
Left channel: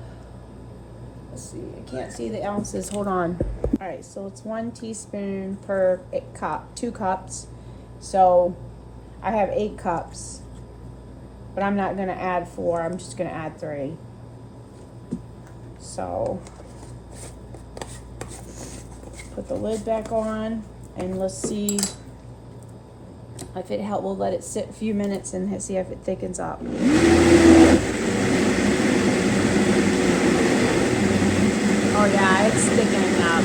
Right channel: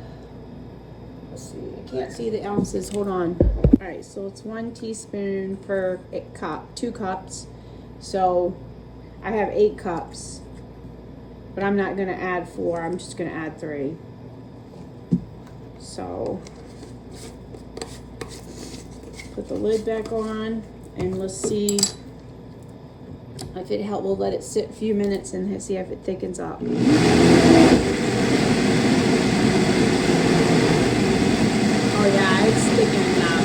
see, I can't see the ounces, hold on. All right, so it's 1 teaspoon per cup, 2 cups. So I have 8 cups, but I'm not gonna add 4, I'm just gonna add 3. So put the lid back on, and let's see if it helps. We'll let it sit a few minutes and see if it thickens up. Oh yeah, it's thickening up.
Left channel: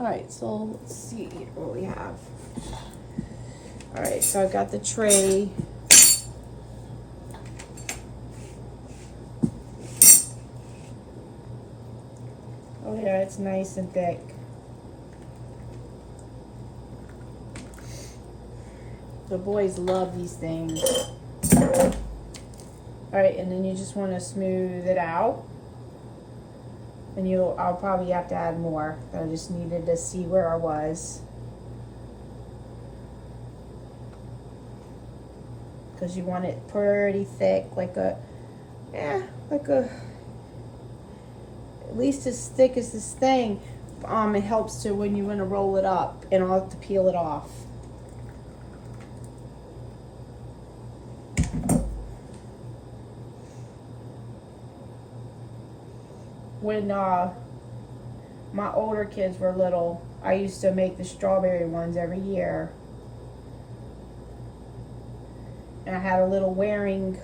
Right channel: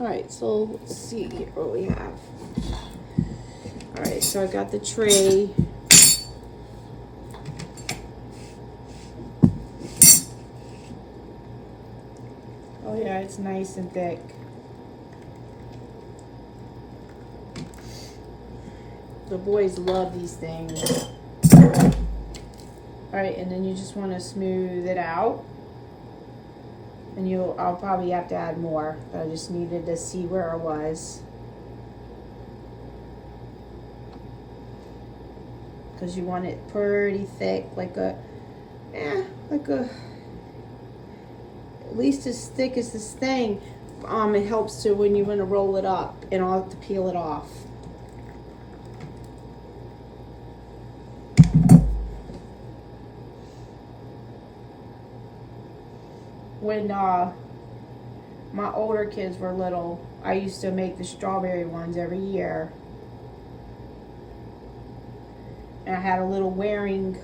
All right, so let's see what we have. All right, so I got the tray. Oh yeah, it's nice and thick. The boys love these things. All right, and then you just want to smooth it out. And I'll probably have to add more, but I just needed to see where I was. Because you want it pretty thick, like at least as thick as this thing. It helps to when you want to roll it up, and I'll have to peel it off. When my older kids were little, I used to make the strawberry ones every year. And I had a little Waring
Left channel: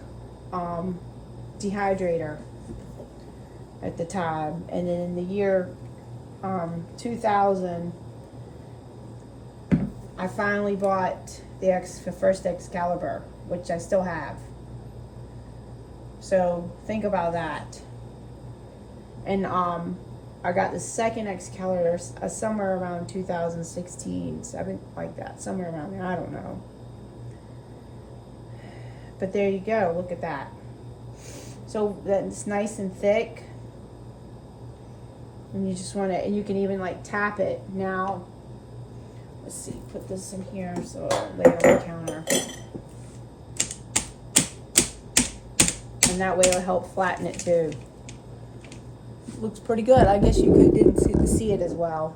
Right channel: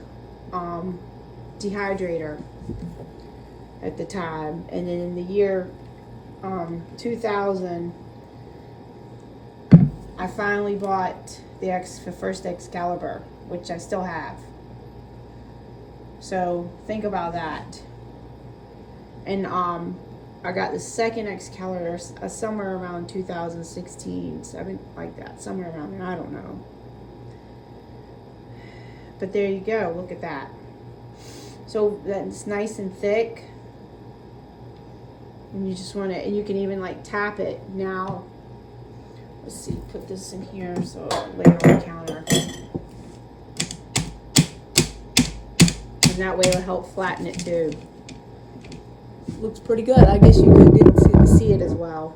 dehydrator at the time. And then in the year 2000, I finally bought the first Excalibur, which I still have. So think about that. And I got the second Excalibur somewhere around 2016, something like that, somewhere around there. I don't know. But there you go. Look at that. So it's nice and thick. And you just want to, and you can even like tap it. Now, let's see, put this in here so I'll lay it on the counter. And that way it'll help flatten it too. Looks pretty good. I guess you didn't see it as well.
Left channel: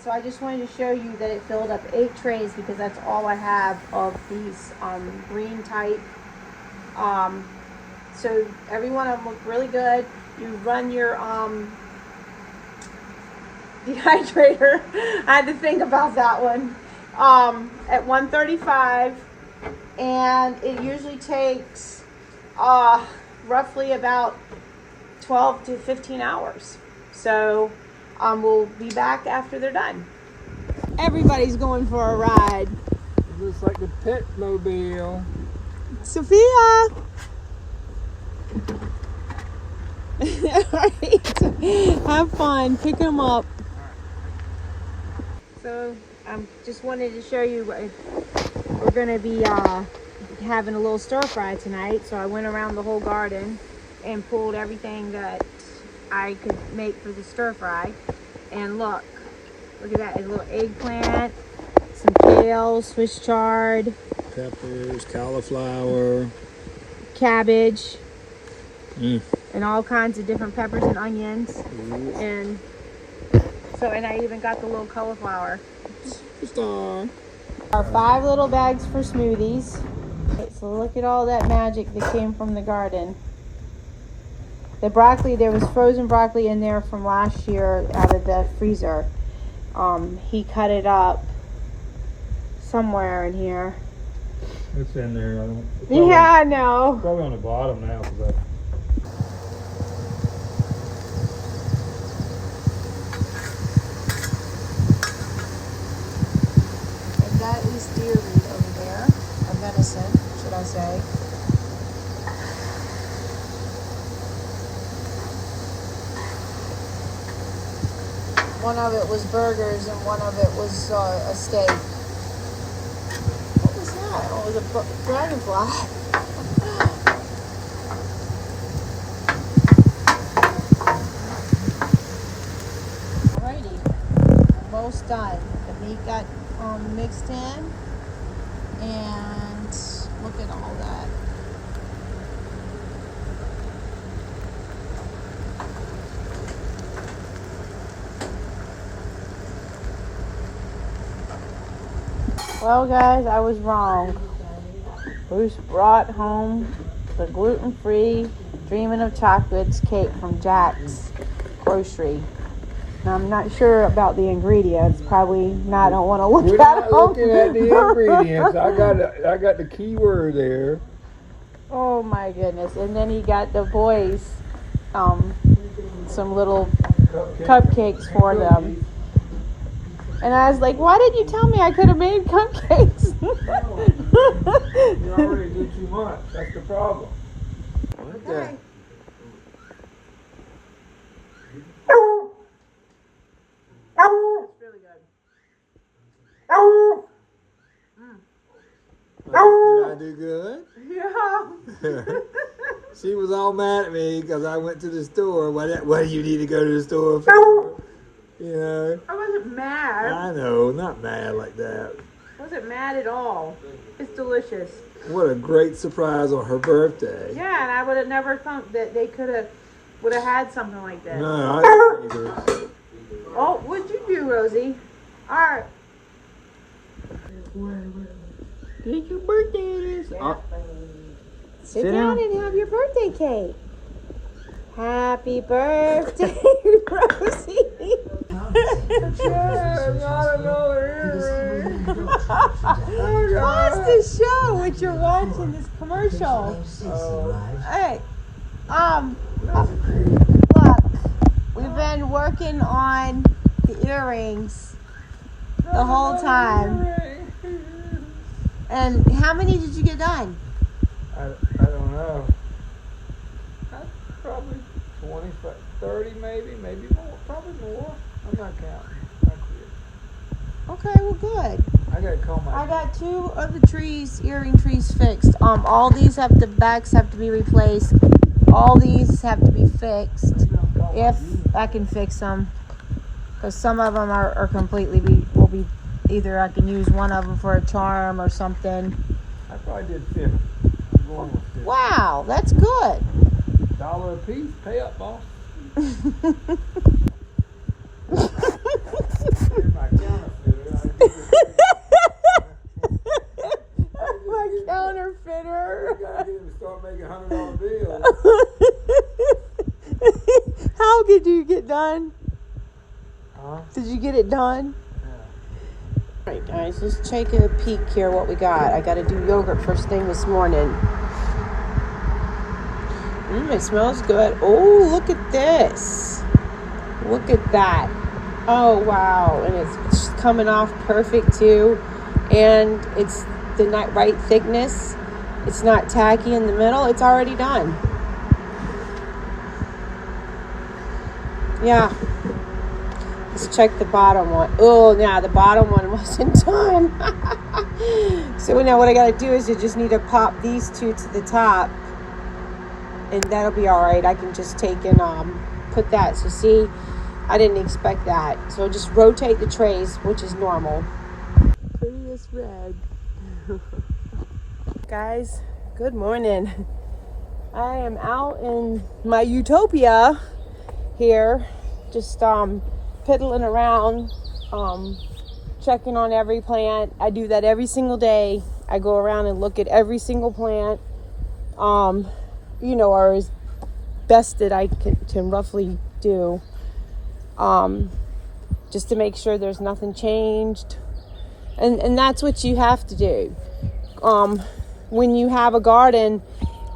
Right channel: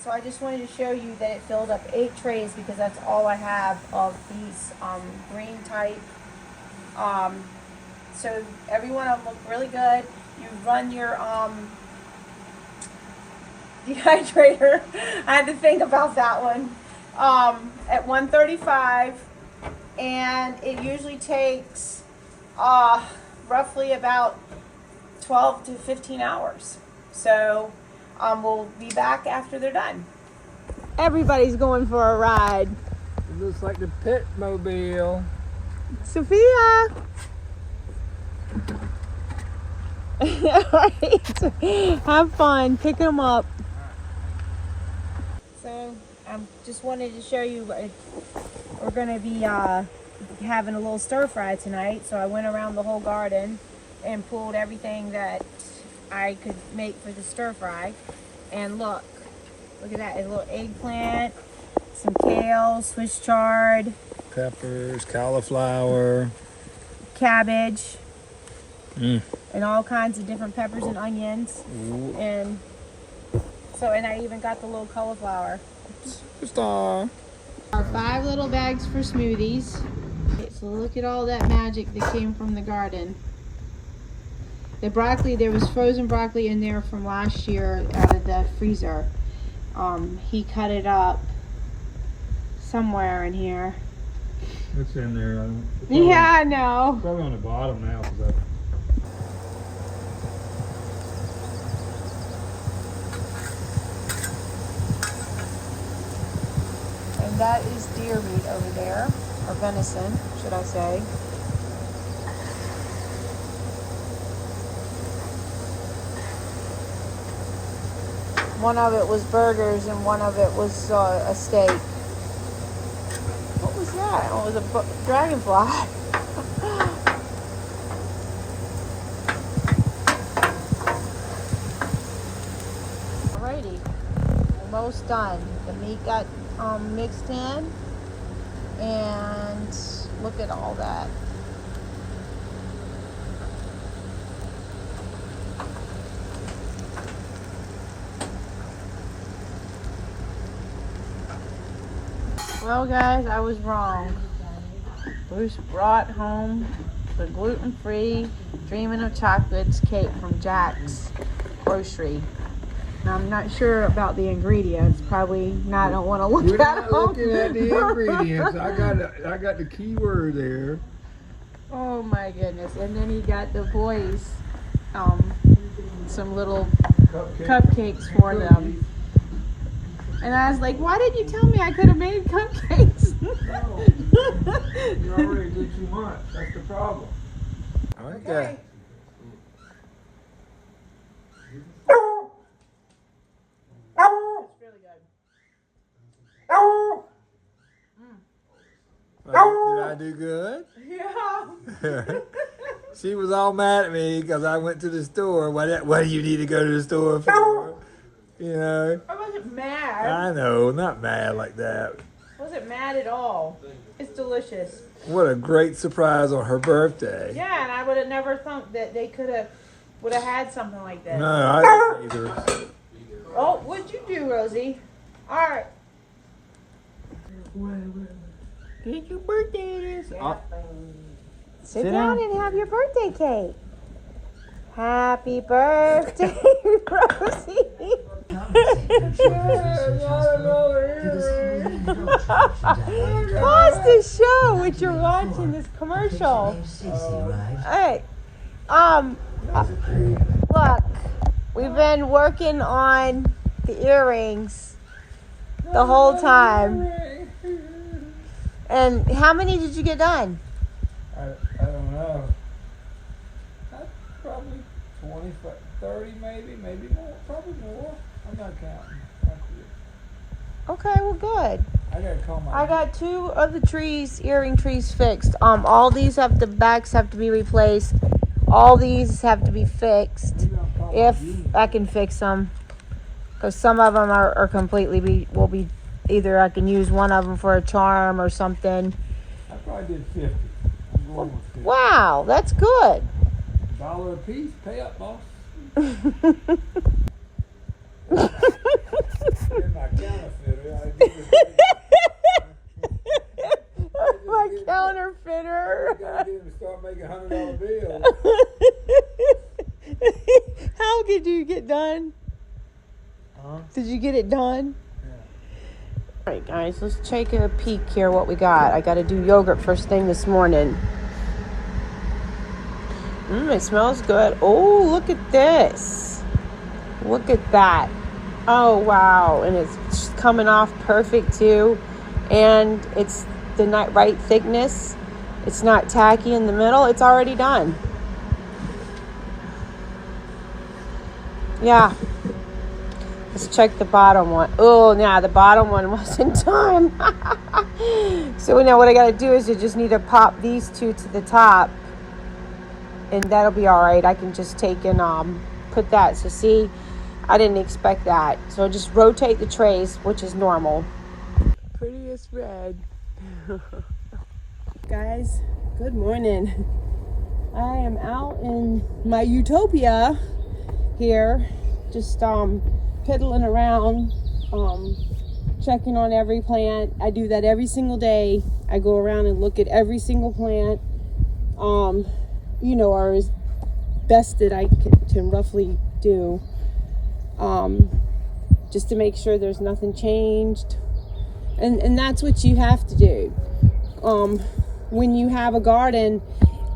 So I just wanted to show you that it filled up 8 trays because that's all I have of these green type. So every one of them look really good. You run your dehydrator. I had to think about that one. At 135, and it usually takes roughly about 12 to 15 hours. So we'll be back after they're done. Everybody's going for a ride. It looks like the pit mobile. Sophia! Alright. Have fun. Pick them up. So I just wanted to show you we're going to be having a little stir fry tonight. So I went around the whole garden and pulled everything that I could make for the stir fry. And look at that. A little eggplant, some kale, Swiss chard, Peppers, cauliflower, cabbage, and all kinds of different peppers and onions. Ooh. And I even got the little cauliflower. Superstar. Our 5 little bags for smoothies. Okay, so look at all that magic that came from the garden. The broccoli, there was frozen broccoli in there from last year out of the freezer. He cut it up somewhere in here. It's in there. Yeah, I know. Probably on the bottom now. And that is deer meat over there, or venison, should I say. One of it was burgers and one of it was a steak. What was that? Oh, it was a dragonfly. Alrighty, almost done. The meat got mixed in, and look at all that. Well, guys, I was wrong. Bruce brought home the gluten-free Dreamin' of Chocolates cake from Jack's Grocery. Now, I'm not sure about the ingredients. Probably not. I don't want to look We're at not them. looking at the ingredients. I got the key word there. Oh my goodness! And then he got the boys some little cupcakes for them. And I was like, why didn't you tell me I could have made cupcakes? You already did too much. That's the problem. Okay. It's really good. Did I do good? Yeah. She was all mad at me because I went to the store. What do you need to go to the store for? You know. I wasn't mad. I know, not mad like that. I wasn't mad at all. It's delicious. What a great surprise on her birthday. Yeah, and I would have never thought that they would have had something like that. No, I didn't either. Oh, what'd you do, Rosie? All right. Did your birthday is? Sit down and have your birthday cake. Happy birthday, Rosie. Pause the show what you're watching this commercial. Hey, look, we've been working on the earrings the whole time. And how many did you get done? I don't know. Probably 20, 30 maybe more. Probably more. I'm not counting. I quit. Okay, well good. I gotta call my. I got 2 of the earring trees fixed. All these backs have to be replaced. All these have to be fixed if I can fix them. Because some of them are completely will be either I can use one of them for a charm or something. I probably did 50. I'm going with 50. Wow, that's good. $1 a piece. Pay up, boss. My counterfeiter. My counterfeiter. Start making $100 bills. How did you get done? Huh? Did you get it done? Yeah. Alright guys, let's take a peek here what we got. I got to do yogurt first thing this morning. It smells good. Oh, look at this. Look at that. Oh, wow. And it's coming off perfect too. And it's the right thickness. It's not tacky in the middle. It's already done. Yeah. Let's check the bottom one. Oh, yeah, the bottom one wasn't done. So now what I got to do is I just need to pop these 2 to the top. And that'll be all right. I can just take and put that. So see, I didn't expect that. So just rotate the trays, which is normal. Prettiest red. Guys, good morning. I am out in my utopia here, just piddling around, checking on every plant. I do that every single day. I go around and look at every single plant. Or as best that I can roughly do, just to make sure there's nothing changed, and that's what you have to do. When you have a garden,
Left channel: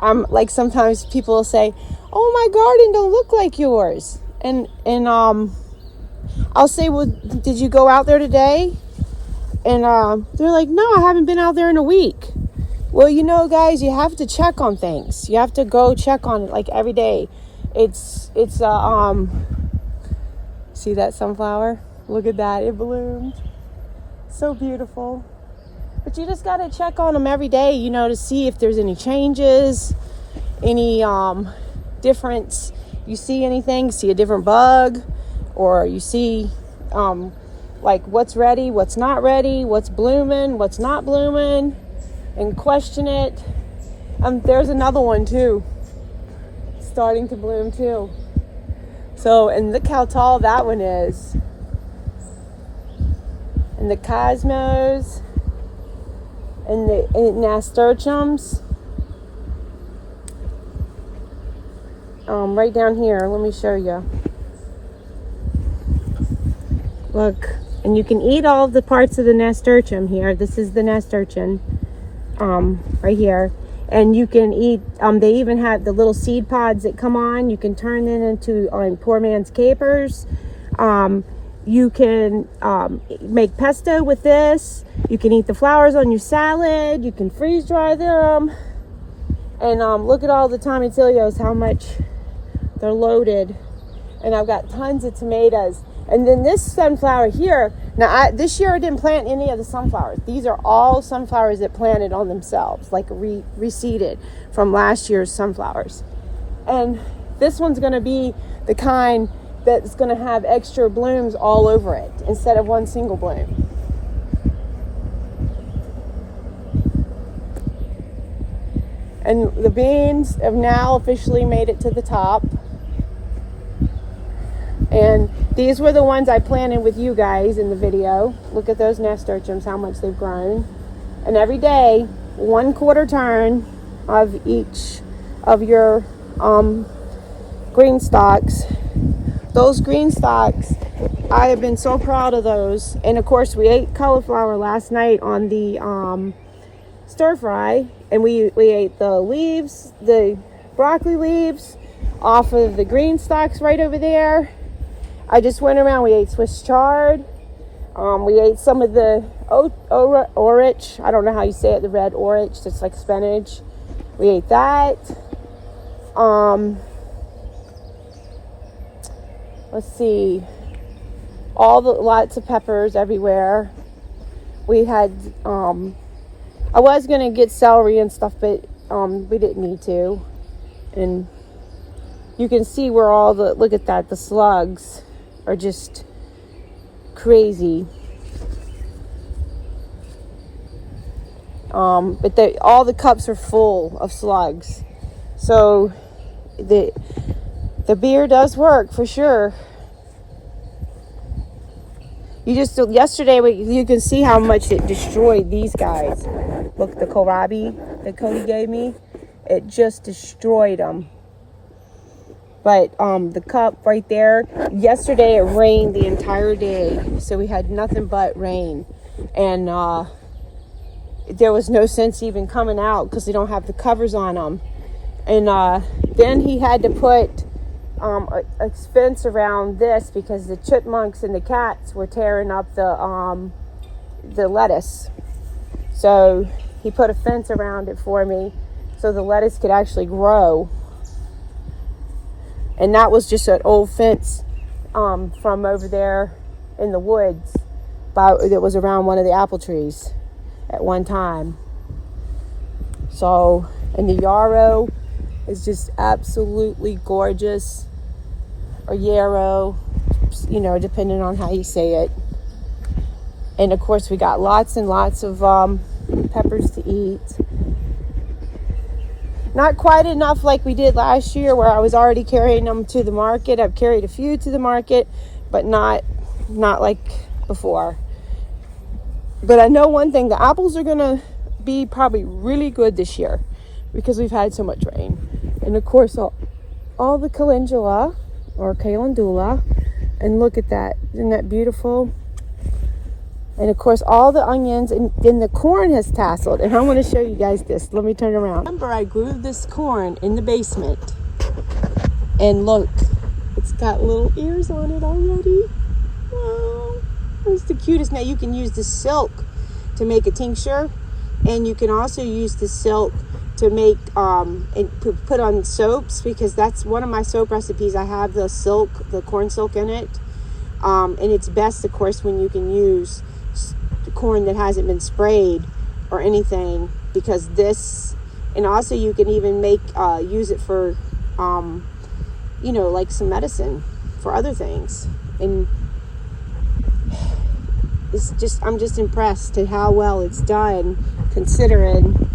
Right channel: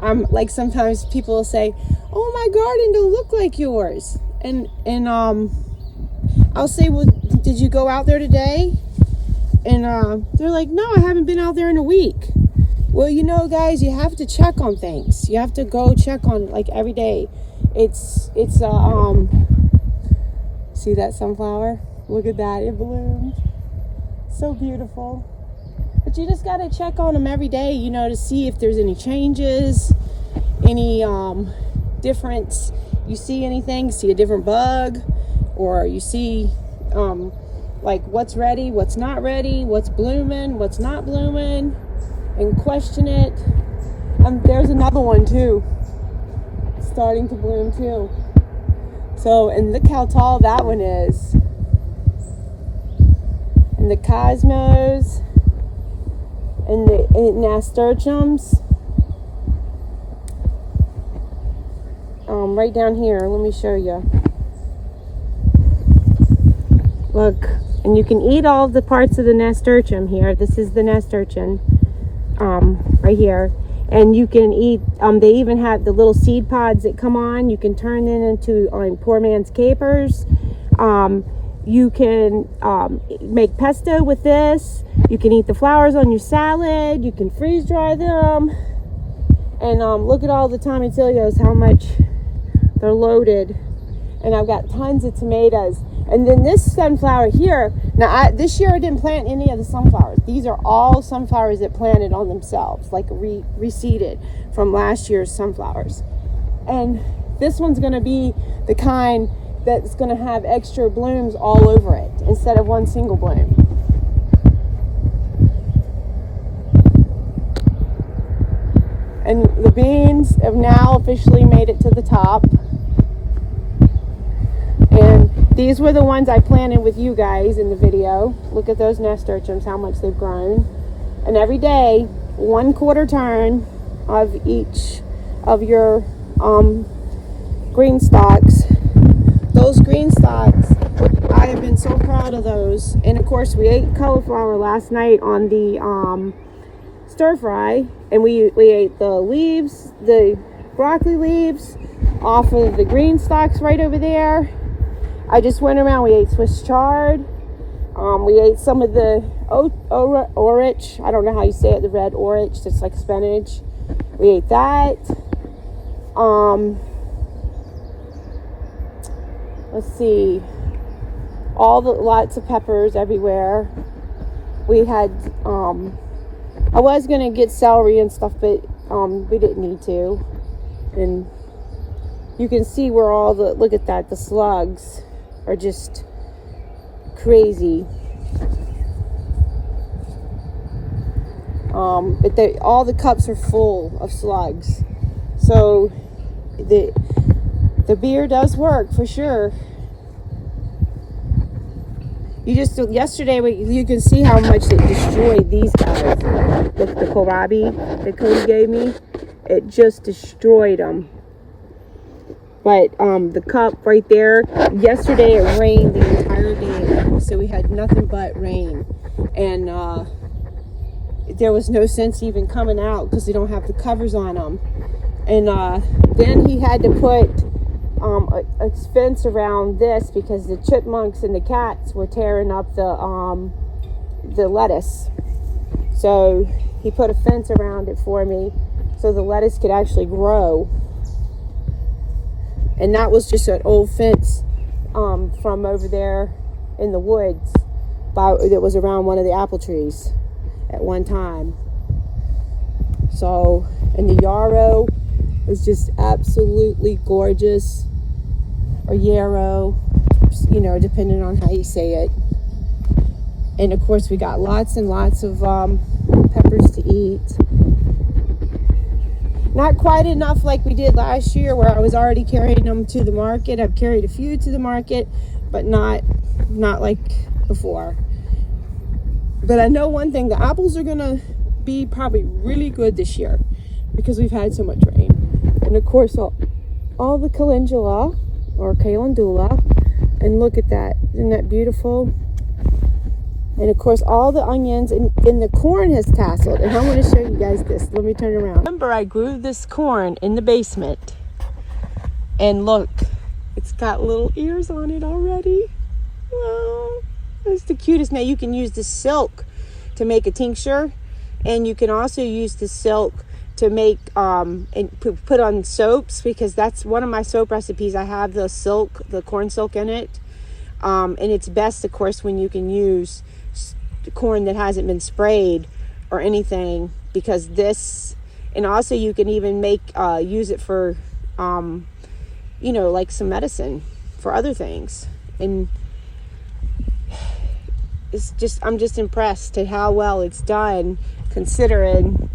like sometimes people will say, "Oh, my garden don't look like yours," and I'll say, "Well, did you go out there today?" And they're like, "No, I haven't been out there in a week." Well, guys, you have to check on things. You have to go check on it like every day. It's see that sunflower? Look at that, it bloomed. So beautiful. But you just got to check on them every day, to see if there's any changes, any difference. You see anything, see a different bug, or you see like what's ready, what's not ready, what's blooming, what's not blooming. And question it. There's another one too, starting to bloom too. So, and look how tall that one is. And the cosmos and the nasturtiums. Right down here. Let me show you. Look, and you can eat all of the parts of the nasturtium here. This is the nasturtium. Right here, and you can eat they even have the little seed pods that come on. You can turn them into poor man's capers. You can make pesto with this. You can eat the flowers on your salad. You can freeze dry them. And look at all the tomatillos, how much they're loaded. And I've got tons of tomatoes. And then this sunflower here, now this year I didn't plant any of the sunflowers. These are all sunflowers that planted on themselves, like reseeded from last year's sunflowers. And this one's gonna be the kind that's gonna have extra blooms all over it instead of one single bloom. And the beans have now officially made it to the top. And these were the ones I planted with you guys in the video. Look at those nasturtiums, how much they've grown. And every day, 1/4 turn of each of your green stalks. Those green stalks, I have been so proud of those. And of course, we ate cauliflower last night on the stir fry. And we ate the leaves, the broccoli leaves off of the green stalks right over there. I just went around. We ate Swiss chard. We ate some of the orich. I don't know how you say it, the red orich. It's like spinach. We ate that. Let's see. Lots of peppers everywhere. We had, I was going to get celery and stuff, but we didn't need to. And you can see where look at that, the slugs are just crazy. But all the cups are full of slugs. So the beer does work for sure. Yesterday you can see how much it destroyed these guys. The kohlrabi that Cody gave me, it just destroyed them. But the cup right there, yesterday it rained the entire day, so we had nothing but rain, and there was no sense even coming out because they don't have the covers on them. And then he had to put a fence around this because the chipmunks and the cats were tearing up the lettuce. So he put a fence around it for me so the lettuce could actually grow. And that was just an old fence from over there in the woods that was around one of the apple trees at one time. So, and the yarrow is just absolutely gorgeous, or yarrow, you know, depending on how you say it. And of course we got lots and lots of peppers to eat. Not quite enough like we did last year where I was already carrying them to the market. I've carried a few to the market, but not like before. But I know one thing, the apples are gonna be probably really good this year because we've had so much rain. And of course all the calendula or calendula, and look at that, isn't that beautiful? And of course all the onions, and the corn has tasseled. And I want to show you guys this. Let me turn around. Remember, I grew this corn in the basement, and look, it's got little ears on it already. Wow, that's the cutest. Now you can use the silk to make a tincture, and you can also use the silk to make and put on soaps, because that's one of my soap recipes. I have the silk, the corn silk in it, and it's best, of course, when you can use corn that hasn't been sprayed or anything, because this, and also you can even make use it for you know, like some medicine for other things. And it's just, I'm just impressed at how well it's done, considering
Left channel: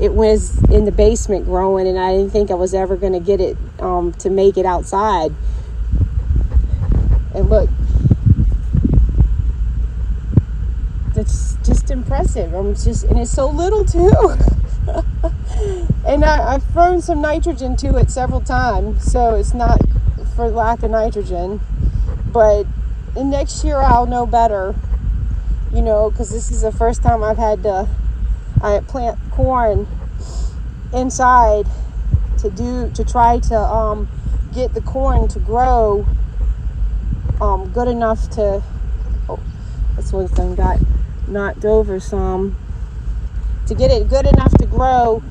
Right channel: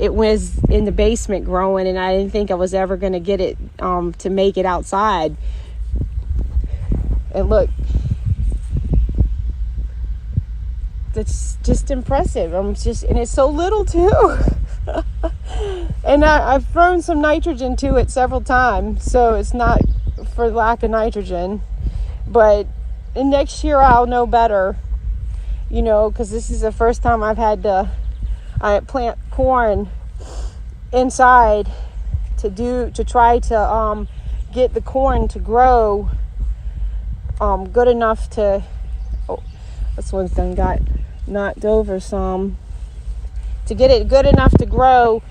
it was in the basement growing, and I didn't think I was ever going to get it to make it outside. And look, it's just impressive. And it's so little too. And I've thrown some nitrogen to it several times, so it's not for lack of nitrogen. But in next year I'll know better, you know, because this is the first time I've had to plant corn inside to try to get the corn to grow good enough to, oh, this one thing got knocked over some, to get it good enough to grow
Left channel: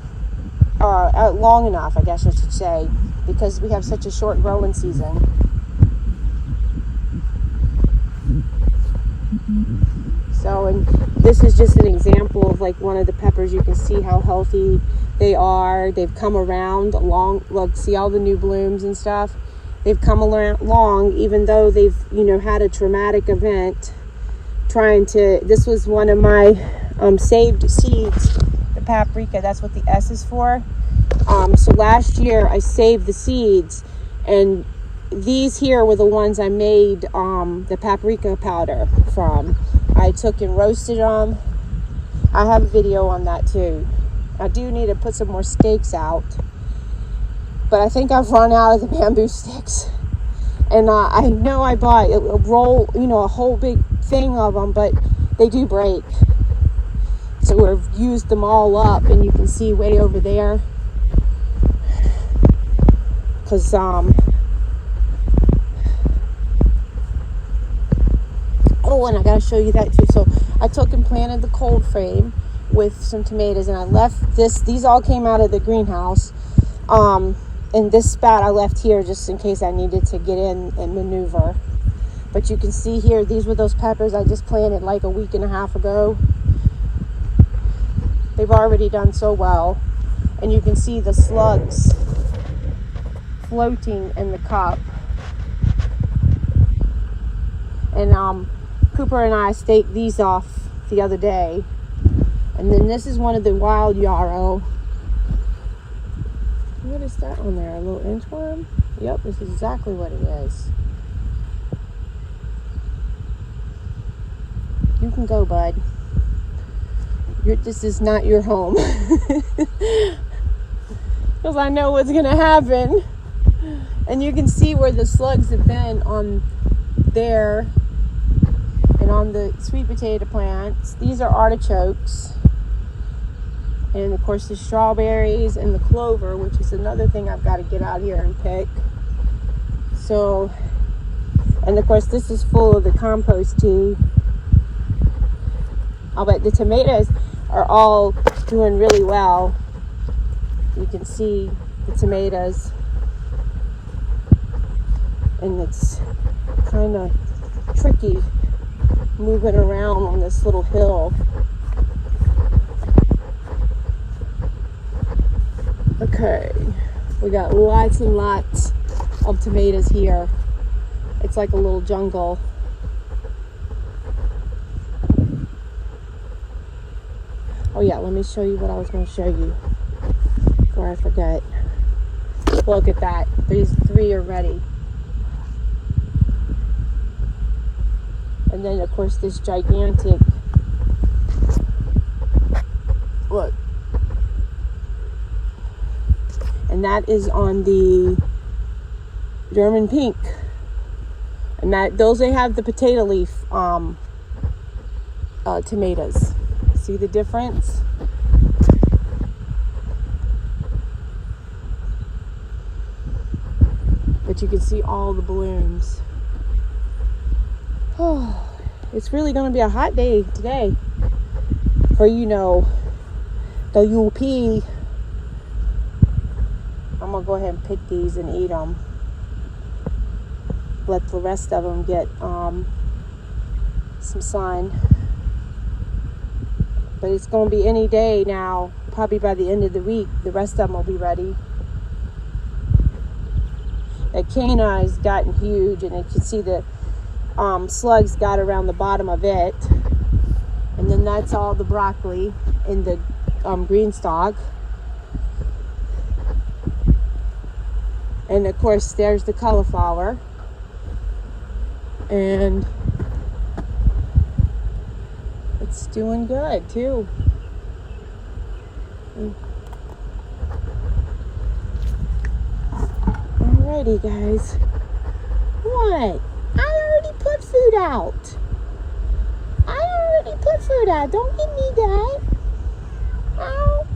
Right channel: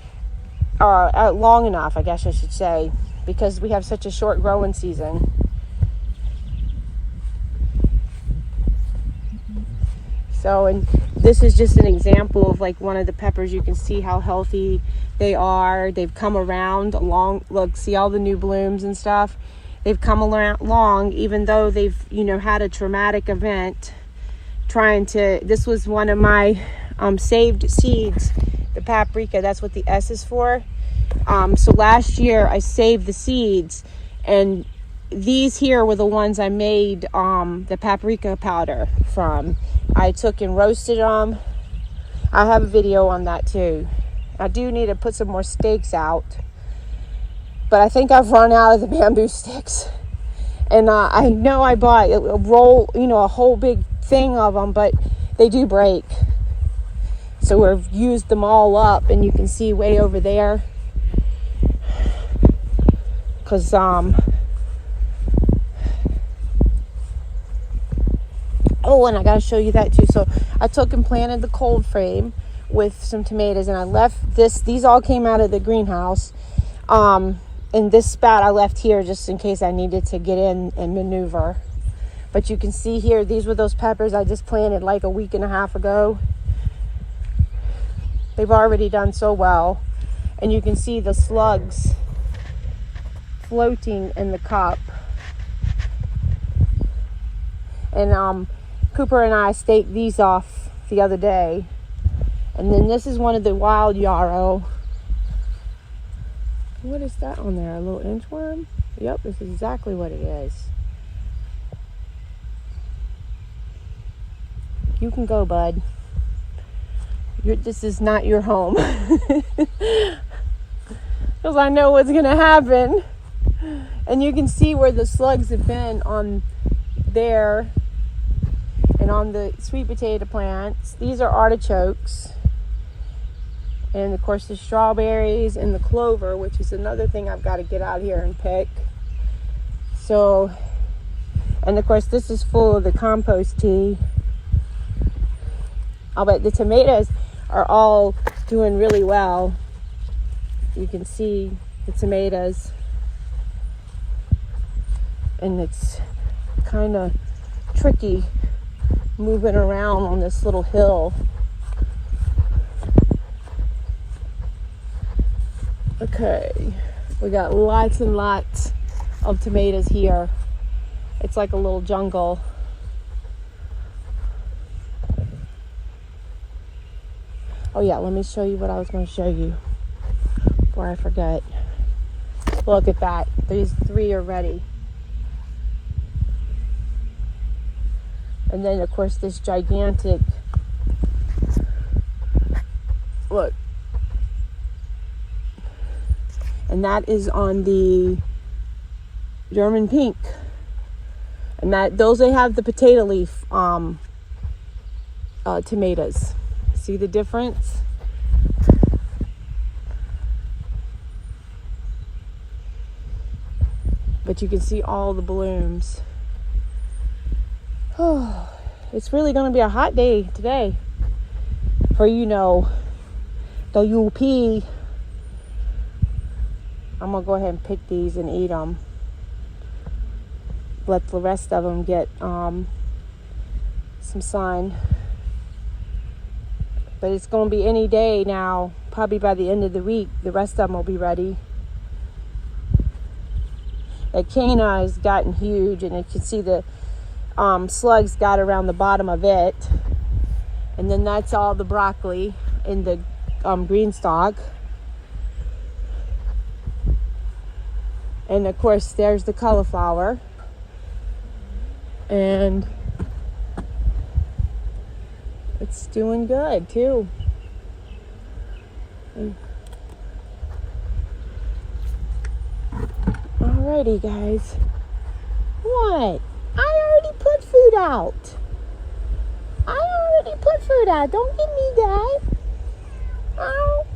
out long enough, I guess I should say, because we have such a short growing season. So, and this is just an example of like one of the peppers. You can see how healthy they are. They've come around along, look, see all the new blooms and stuff. They've come along, even though they've, you know, had a traumatic event this was one of my saved seeds, the paprika, that's what the S is for. So last year I saved the seeds, and these here were the ones I made the paprika powder from. I took and roasted them. I have a video on that too. I do need to put some more stakes out, but I think I've run out of the bamboo sticks. And I know I bought a roll, you know, a whole big thing of them, but they do break. So we've used them all up, and you can see way over there, because Oh, and I gotta show you that too. So I took and planted the cold frame with some tomatoes, and I left these all came out of the greenhouse. And this spat I left here just in case I needed to get in and maneuver. But you can see here, these were those peppers I just planted like a week and a half ago. They've already done so well. And you can see the slugs floating in the cup. And Cooper and I staked these off the other day. And then this is one of the wild yarrow. What is that on there? A little inchworm? Yep, this is exactly what it is. You can go, bud. This is not your home. Because I know what's going to happen. And you can see where the slugs have been on there and on the sweet potato plants. These are artichokes. And of course the strawberries and the clover, which is another thing I've got to get out here and pick. So, and of course this is full of the compost tea. I'll bet the tomatoes are all doing really well. You can see the tomatoes. And it's kind of tricky moving around on this little hill. Okay, we got lots and lots of tomatoes here. It's like a little jungle. Oh yeah, let me show you what I was going to show you before I forget. Look at that. These 3 are ready. And then of course this gigantic, look. And that is on the German pink. And those they have the potato leaf tomatoes. See the difference? But you can see all the blooms. Oh, it's really going to be a hot day today for, the UP. I'm going to go ahead and pick these and eat them. Let the rest of them get some sun. But it's going to be any day now. Probably by the end of the week, the rest of them will be ready. The canna has gotten huge, and you can see the slugs got around the bottom of it. And then that's all the broccoli in the green stalk. And of course, there's the cauliflower. And it's doing good too. Alrighty, guys. What? I already put food out. Don't give me that. Oh.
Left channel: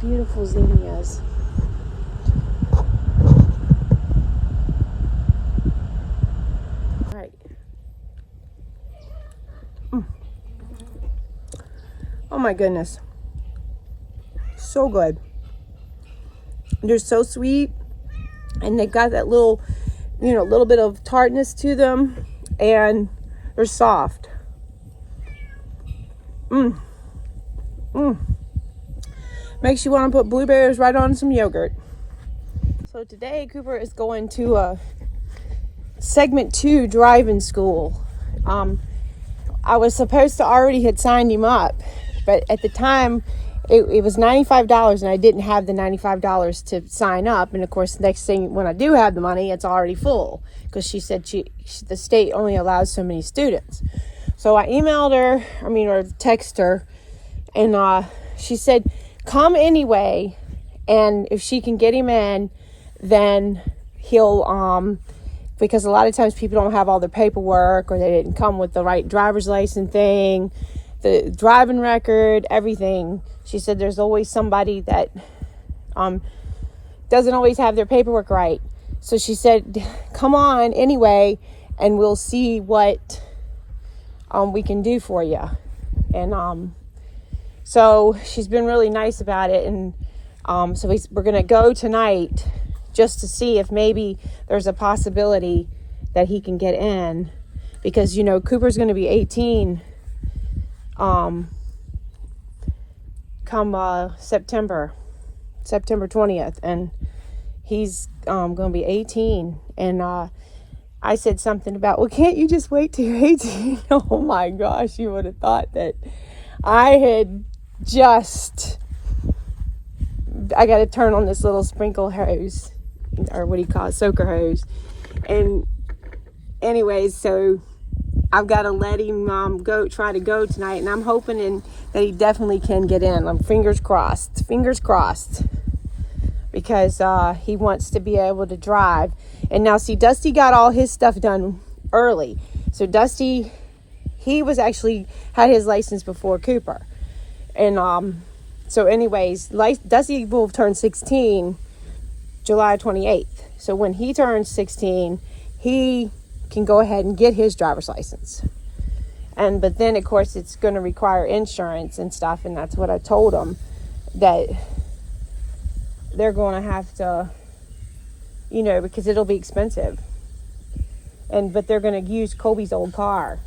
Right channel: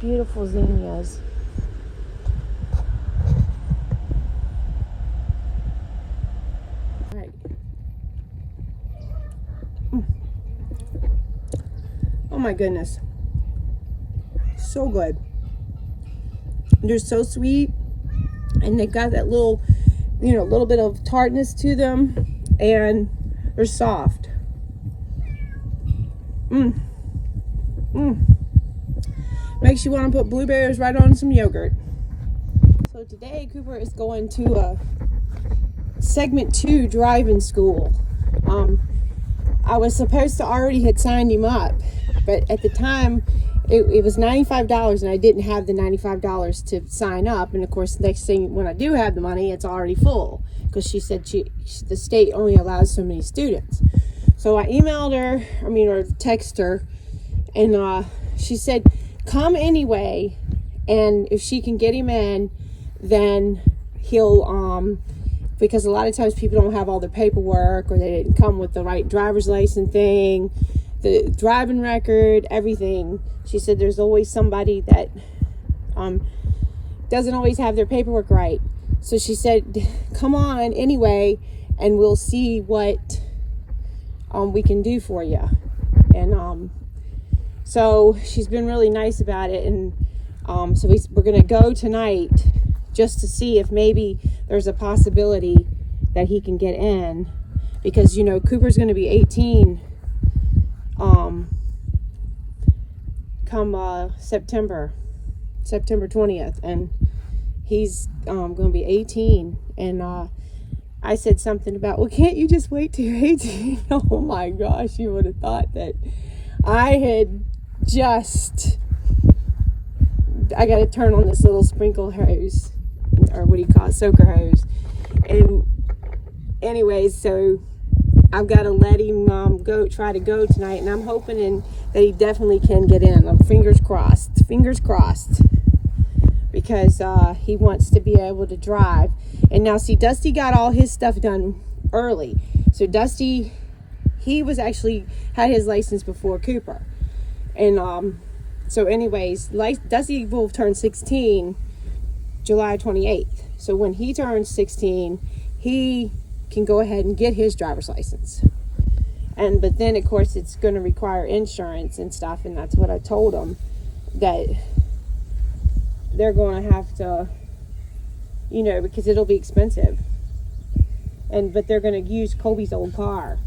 Beautiful zinnias. All right. Oh my goodness. So good. They're so sweet, and they got that little, little bit of tartness to them, and they're soft. Makes you want to put blueberries right on some yogurt. So today Cooper is going to a segment 2 driving school. I was supposed to already had signed him up, but at the time it was $95, and I didn't have the $95 to sign up. And of course, the next thing, when I do have the money, it's already full, because she said the state only allows so many students. So I emailed her, or texted her, and she said, come anyway, and if she can get him in, then he'll, because a lot of times people don't have all the paperwork, or they didn't come with the right driver's license thing, the driving record, everything. She said there's always somebody that doesn't always have their paperwork right. So she said, come on anyway, and we'll see what we can do for you. And so she's been really nice about it. And so we're going to go tonight just to see if maybe there's a possibility that he can get in. Because, you know, Cooper's going to be 18 come September 20th. And he's going to be 18. And I said something about, well, can't you just wait till you're 18? Oh my gosh, you would have thought that I had I got to turn on this little sprinkle hose, or what do you call it, soaker hose. And anyways, so I've got to let him try to go tonight, and I'm hoping that he definitely can get in. I'm fingers crossed, because he wants to be able to drive. And now, see, Dusty got all his stuff done early. So Dusty, he was actually had his license before Cooper. And so anyways, Dusty will turn 16 July 28th. So when he turns 16, he can go ahead and get his driver's license. But then, of course, it's going to require insurance and stuff. And that's what I told him, that they're going to have to, you know, because it'll be expensive. But they're going to use Colby's old car.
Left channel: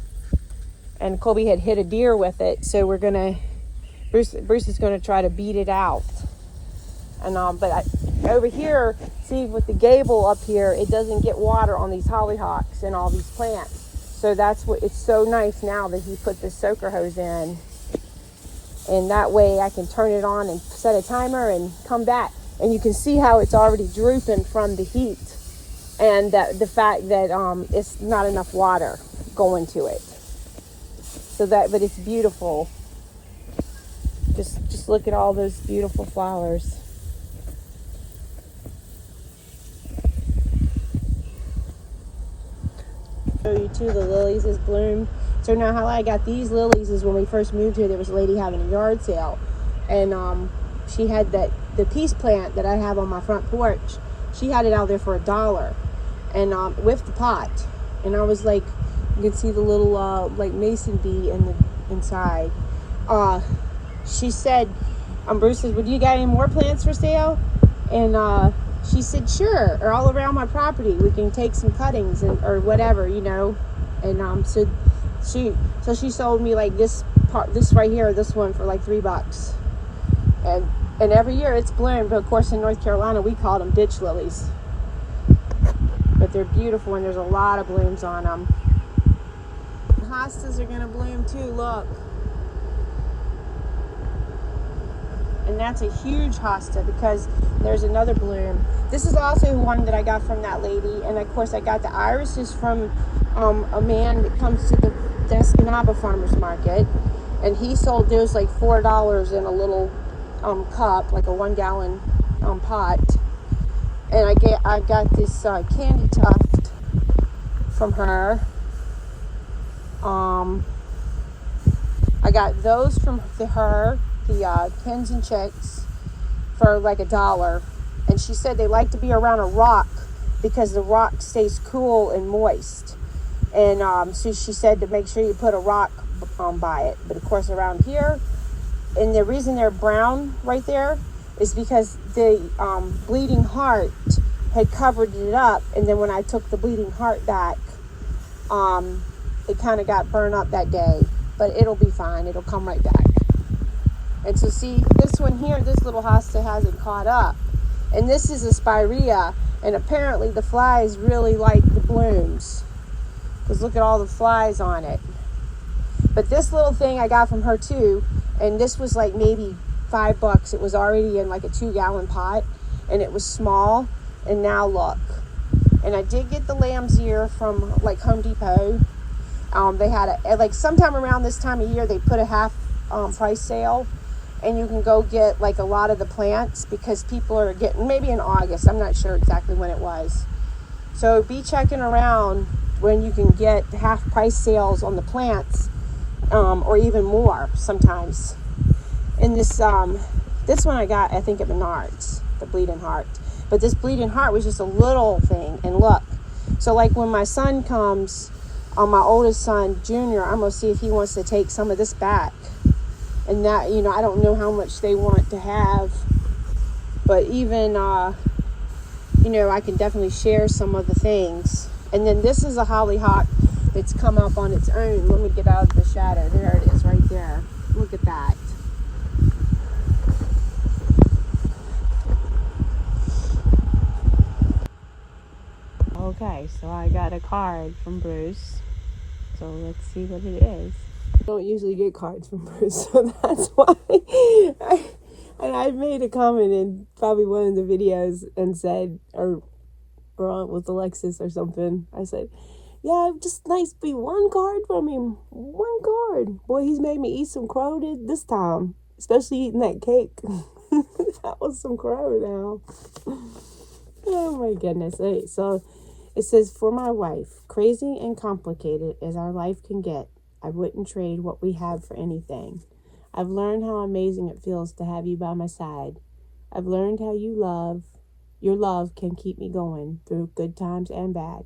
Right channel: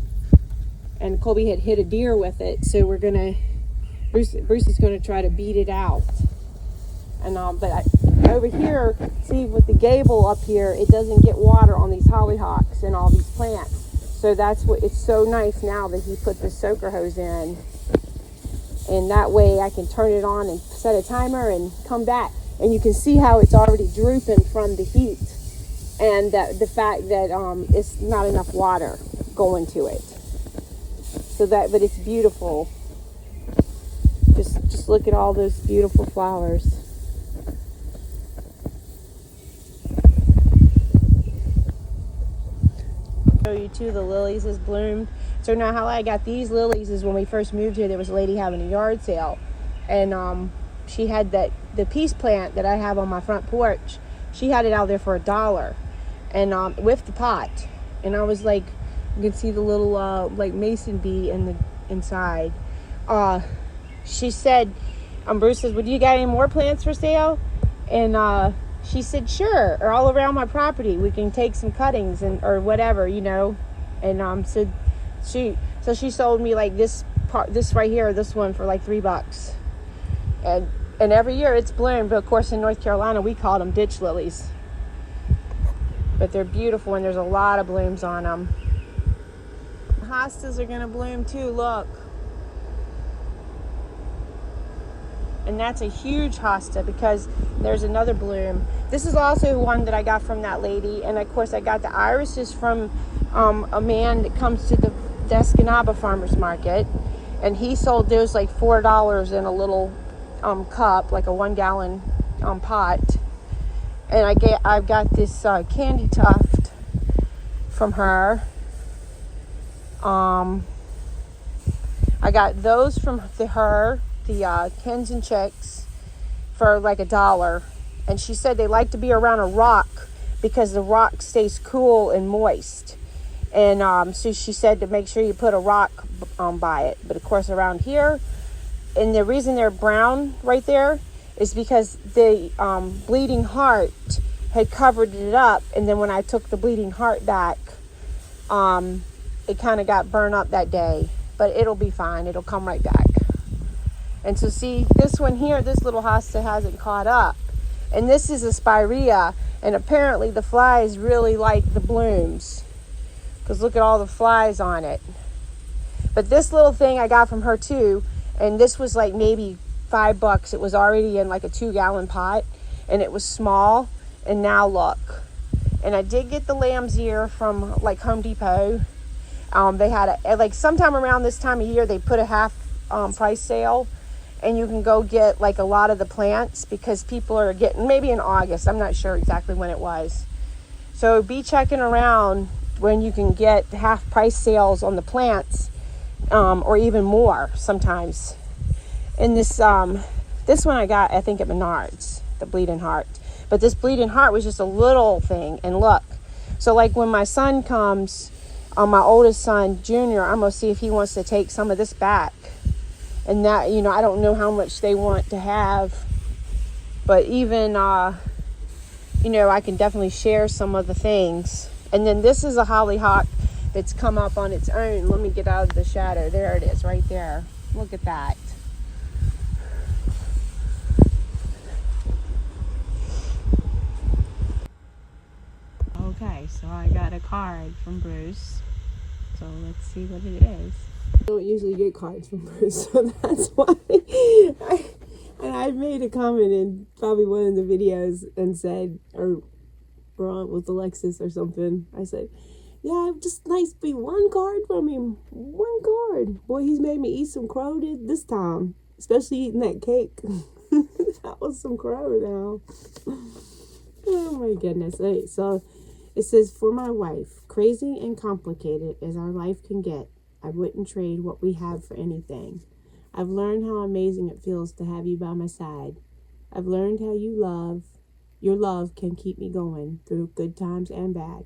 And Colby had hit a deer with it. So Bruce is going to try to beat it out. And but over here, see, with the gable up here, it doesn't get water on these hollyhocks and all these plants. So that's what, it's so nice now that he put this soaker hose in. And that way I can turn it on and set a timer and come back. And you can see how it's already drooping from the heat. And the fact that it's not enough water going to it. But it's beautiful. Just look at all those beautiful flowers. Show you too, the lilies is bloomed. So now how I got these lilies is when we first moved here, there was a lady having a yard sale, and she had the peace plant that I have on my front porch. She had it out there for $1, and with the pot. And I was like, you can see the little like mason bee in the inside. She said, Bruce says, "Would you got any more plants for sale?" And she said, "Sure, or all around my property. We can take some cuttings or whatever, you know." And so she sold me like this right here, this one for like $3. And every year it's bloomed, but of course in North Carolina we call them ditch lilies. But they're beautiful, and there's a lot of blooms on them. The hostas are gonna bloom too. Look. And that's a huge hosta, because there's another bloom. This is also one that I got from that lady. And of course I got the irises from a man that comes to the Escanaba Farmers Market. And he sold those like $4 in a little cup, like a 1-gallon pot. And I've got this candy tuft from her. I got those from her. The hens and chicks for like $1. And she said they like to be around a rock because the rock stays cool and moist. And so she said to make sure you put a rock by it. But of course around here, and the reason they're brown right there is because the bleeding heart had covered it up. And then when I took the bleeding heart back, it kind of got burned up that day. But it'll be fine. It'll come right back. And so see, this one here, this little hosta hasn't caught up. And this is a spirea, and apparently the flies really like the blooms. Because look at all the flies on it. But this little thing I got from her too, and this was like maybe $5. It was already in like a 2-gallon pot, and it was small. And now look. And I did get the lamb's ear from like Home Depot. They had like sometime around this time of year, they put a half price sale. And you can go get like a lot of the plants, because people are getting, maybe in August, I'm not sure exactly when it was, So be checking around when you can get half price sales on the plants, or even more sometimes. And this one I got, I think, at Menards, the bleeding heart. But this bleeding heart was just a little thing. And look, so like when my son comes, my oldest son, Junior, I'm going to see if he wants to take some of this back. And that, you know, I don't know how much they want to have. But even, you know, I can definitely share some of the things. And then this is a hollyhock that's come up on its own. Let me get out of the shadow. There it is, right there. Look at that. Okay, so I got a card from Bruce. So let's see what it is. I don't usually get cards from Bruce, so that's why. I made a comment in probably one of the videos and said, or with Alexis or something, I said, yeah, just nice to be one card from him. One card. Boy, he's made me eat some crow this time. Especially eating that cake. That was some crow now. Oh my goodness. Okay, so it says, for my wife, crazy and complicated as our life can get, I wouldn't trade what we have for anything. I've learned how amazing it feels to have you by my side. I've learned how your love can keep me going through good times and bad.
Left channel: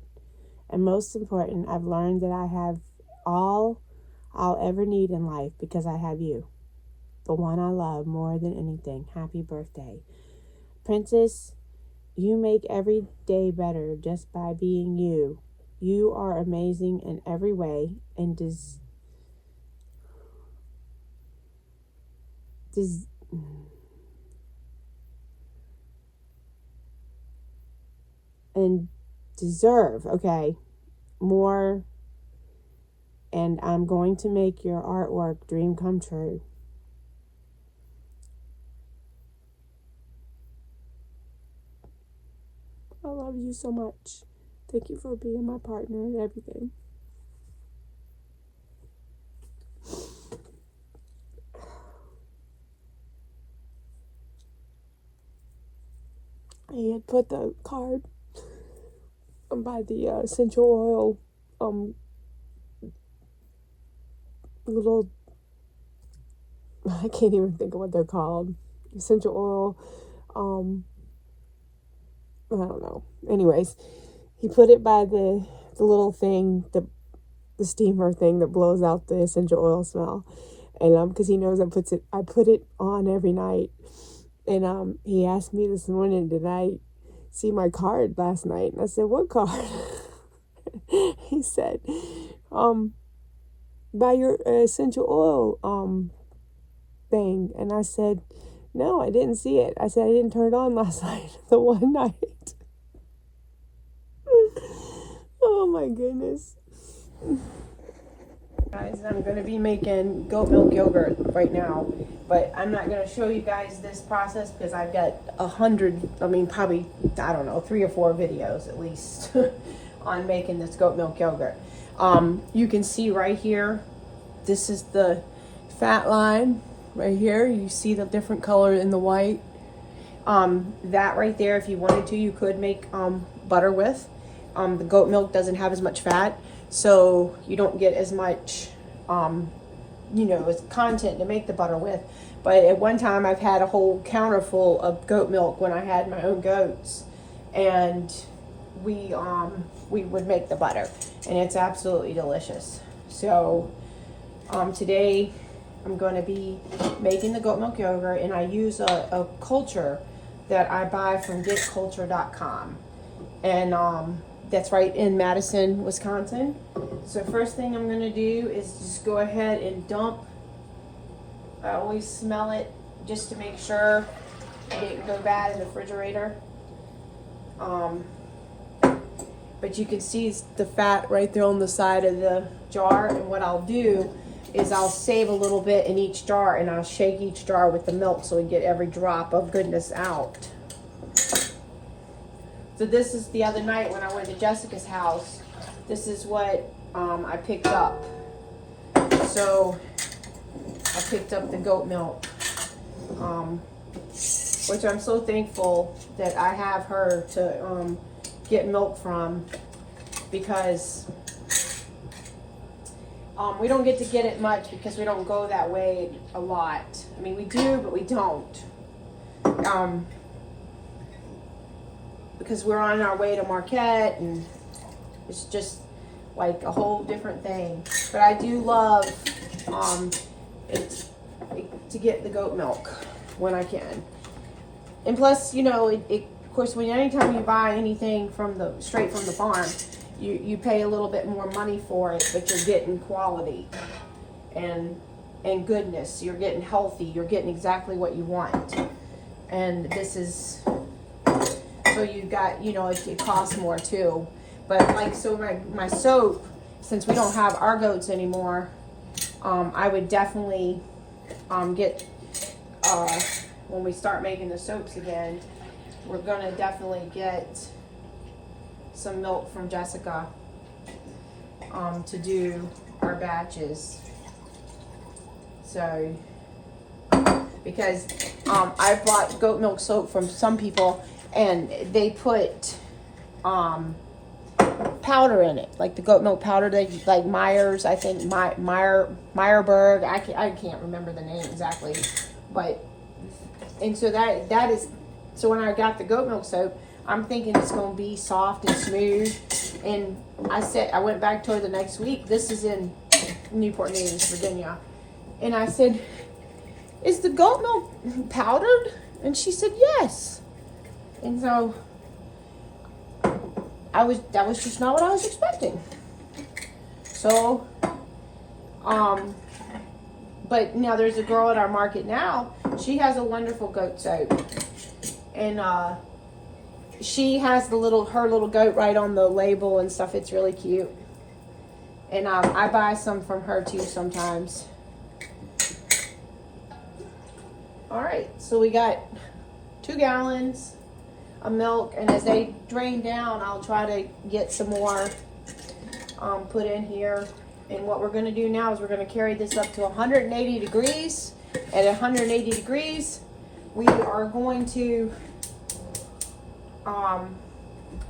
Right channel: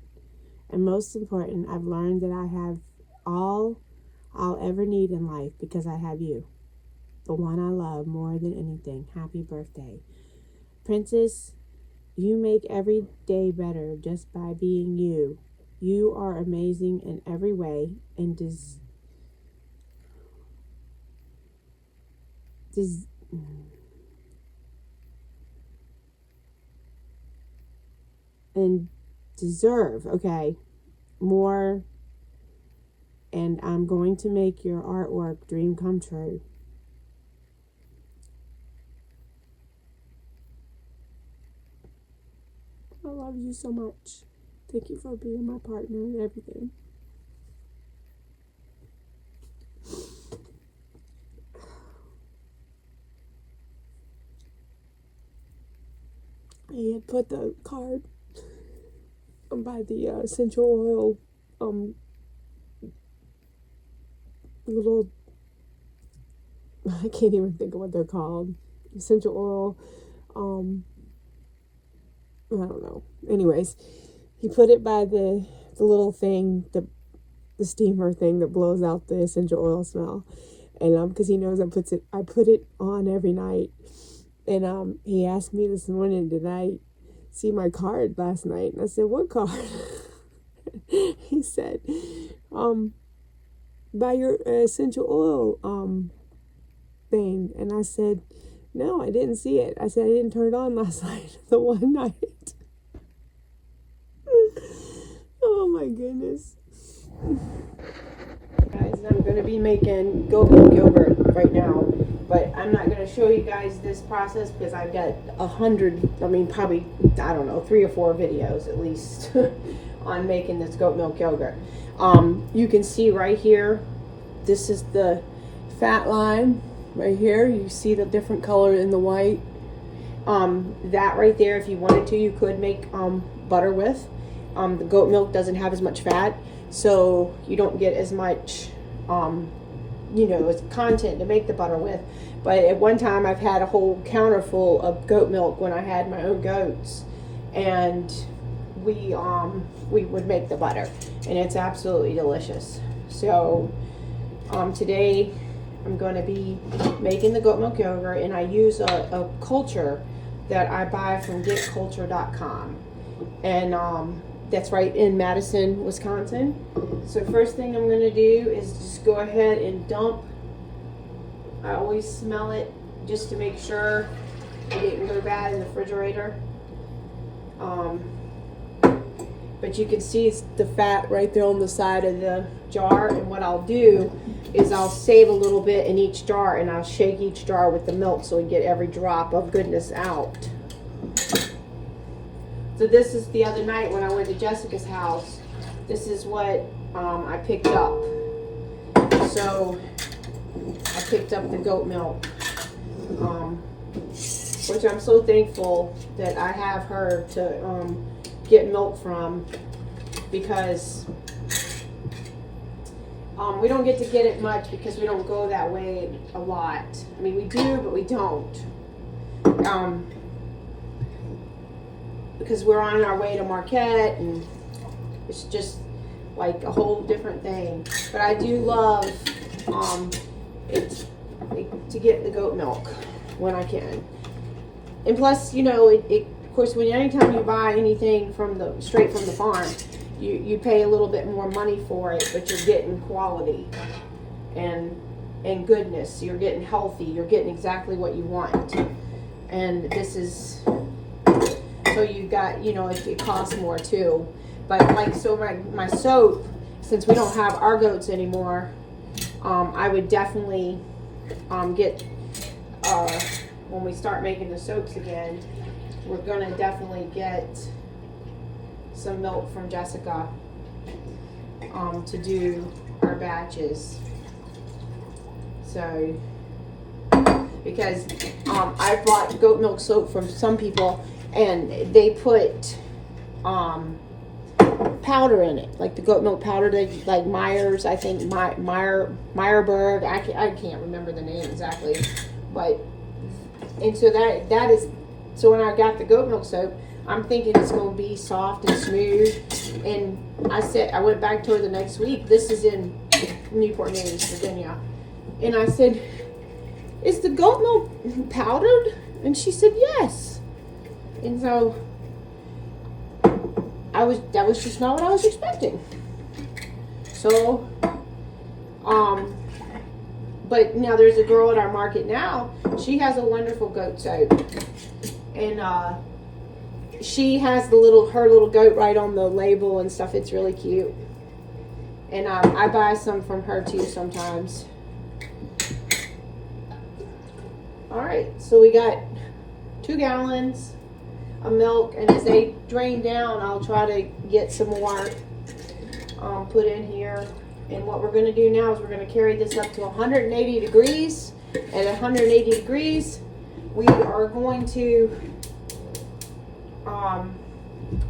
And most important, I've learned that I have all I'll ever need in life because I have you, the one I love more than anything. Happy birthday. Princess, you make every day better just by being you. You are amazing in every way and deserve, okay, more, and I'm going to make your artwork dream come true. I love you so much. Thank you for being my partner and everything. I had put the card by the essential oil little, I can't even think of what they're called, essential oil, I don't know. Anyways, he put it by the little thing, the steamer thing that blows out the essential oil smell, and because he knows I put it on every night. And he asked me this morning, did I see my card last night? And I said, what card? He said, by your essential oil thing. And I said, no, I didn't see it. I said, I didn't turn it on last night, the one night. Oh my goodness. Guys, I'm going to be making goat milk yogurt right now, but I'm not going to show you guys this process because I've got 100, probably, I don't know, 3 or 4 videos at least on making this goat milk yogurt. You can see right here, this is the fat line right here. You see the different color in the white. That right there, if you wanted to, you could make butter with. The goat milk doesn't have as much fat, so you don't get as much, as content to make the butter with. But at one time, I've had a whole counter full of goat milk when I had my own goats, and we would make the butter, and it's absolutely delicious. So today I'm going to be making the goat milk yogurt, and I use a culture that I buy from getculture.com, and that's right in Madison, Wisconsin. So first thing I'm going to do is just go ahead and dump. I always smell it just to make sure it didn't go bad in the refrigerator. But you can see the fat right there on the side of the jar, and what I'll do is I'll save a little bit in each jar, and I'll shake each jar with the milk so we get every drop of goodness out. So this is the other night when I went to Jessica's house. This is what I picked up. So I picked up the goat milk, which I'm so thankful that I have her to get milk from, because we don't get to get it much because we don't go that way a lot. I mean, we do, but we don't. Because we're on our way to Marquette, and it's just like a whole different thing. But I do love to get the goat milk when I can. And plus, you know, of course, anytime you buy anything straight from the farm, you pay a little bit more money for it, but you're getting quality and goodness. You're getting healthy. You're getting exactly what you want. And this is, so you got, you know, it costs more too. But like, so my soap, since we don't have our goats anymore, I would definitely get, when we start making the soaps again, we're gonna definitely get some milk from Jessica to do our batches. So, because I bought goat milk soap from some people, and they put powder in it, like the goat milk powder, like Myers, I think Meyerberg. I can't remember the name exactly, but and so that is, so when I got the goat milk soap, I'm thinking it's going to be soft and smooth. And I went back to her the next week. This is in Newport News, Virginia. And I said, is the goat milk powdered? And she said, yes. And so that was just not what I was expecting. So, but now there's a girl at our market now. She has a wonderful goat soap. And, she has her little goat right on the label and stuff. It's really cute. And I buy some from her too sometimes. All right, so we got 2 gallons of milk, and as they drain down, I'll try to get some more put in here. And what we're going to do now is we're going to carry this up to 180 degrees. At 180 degrees, we are going to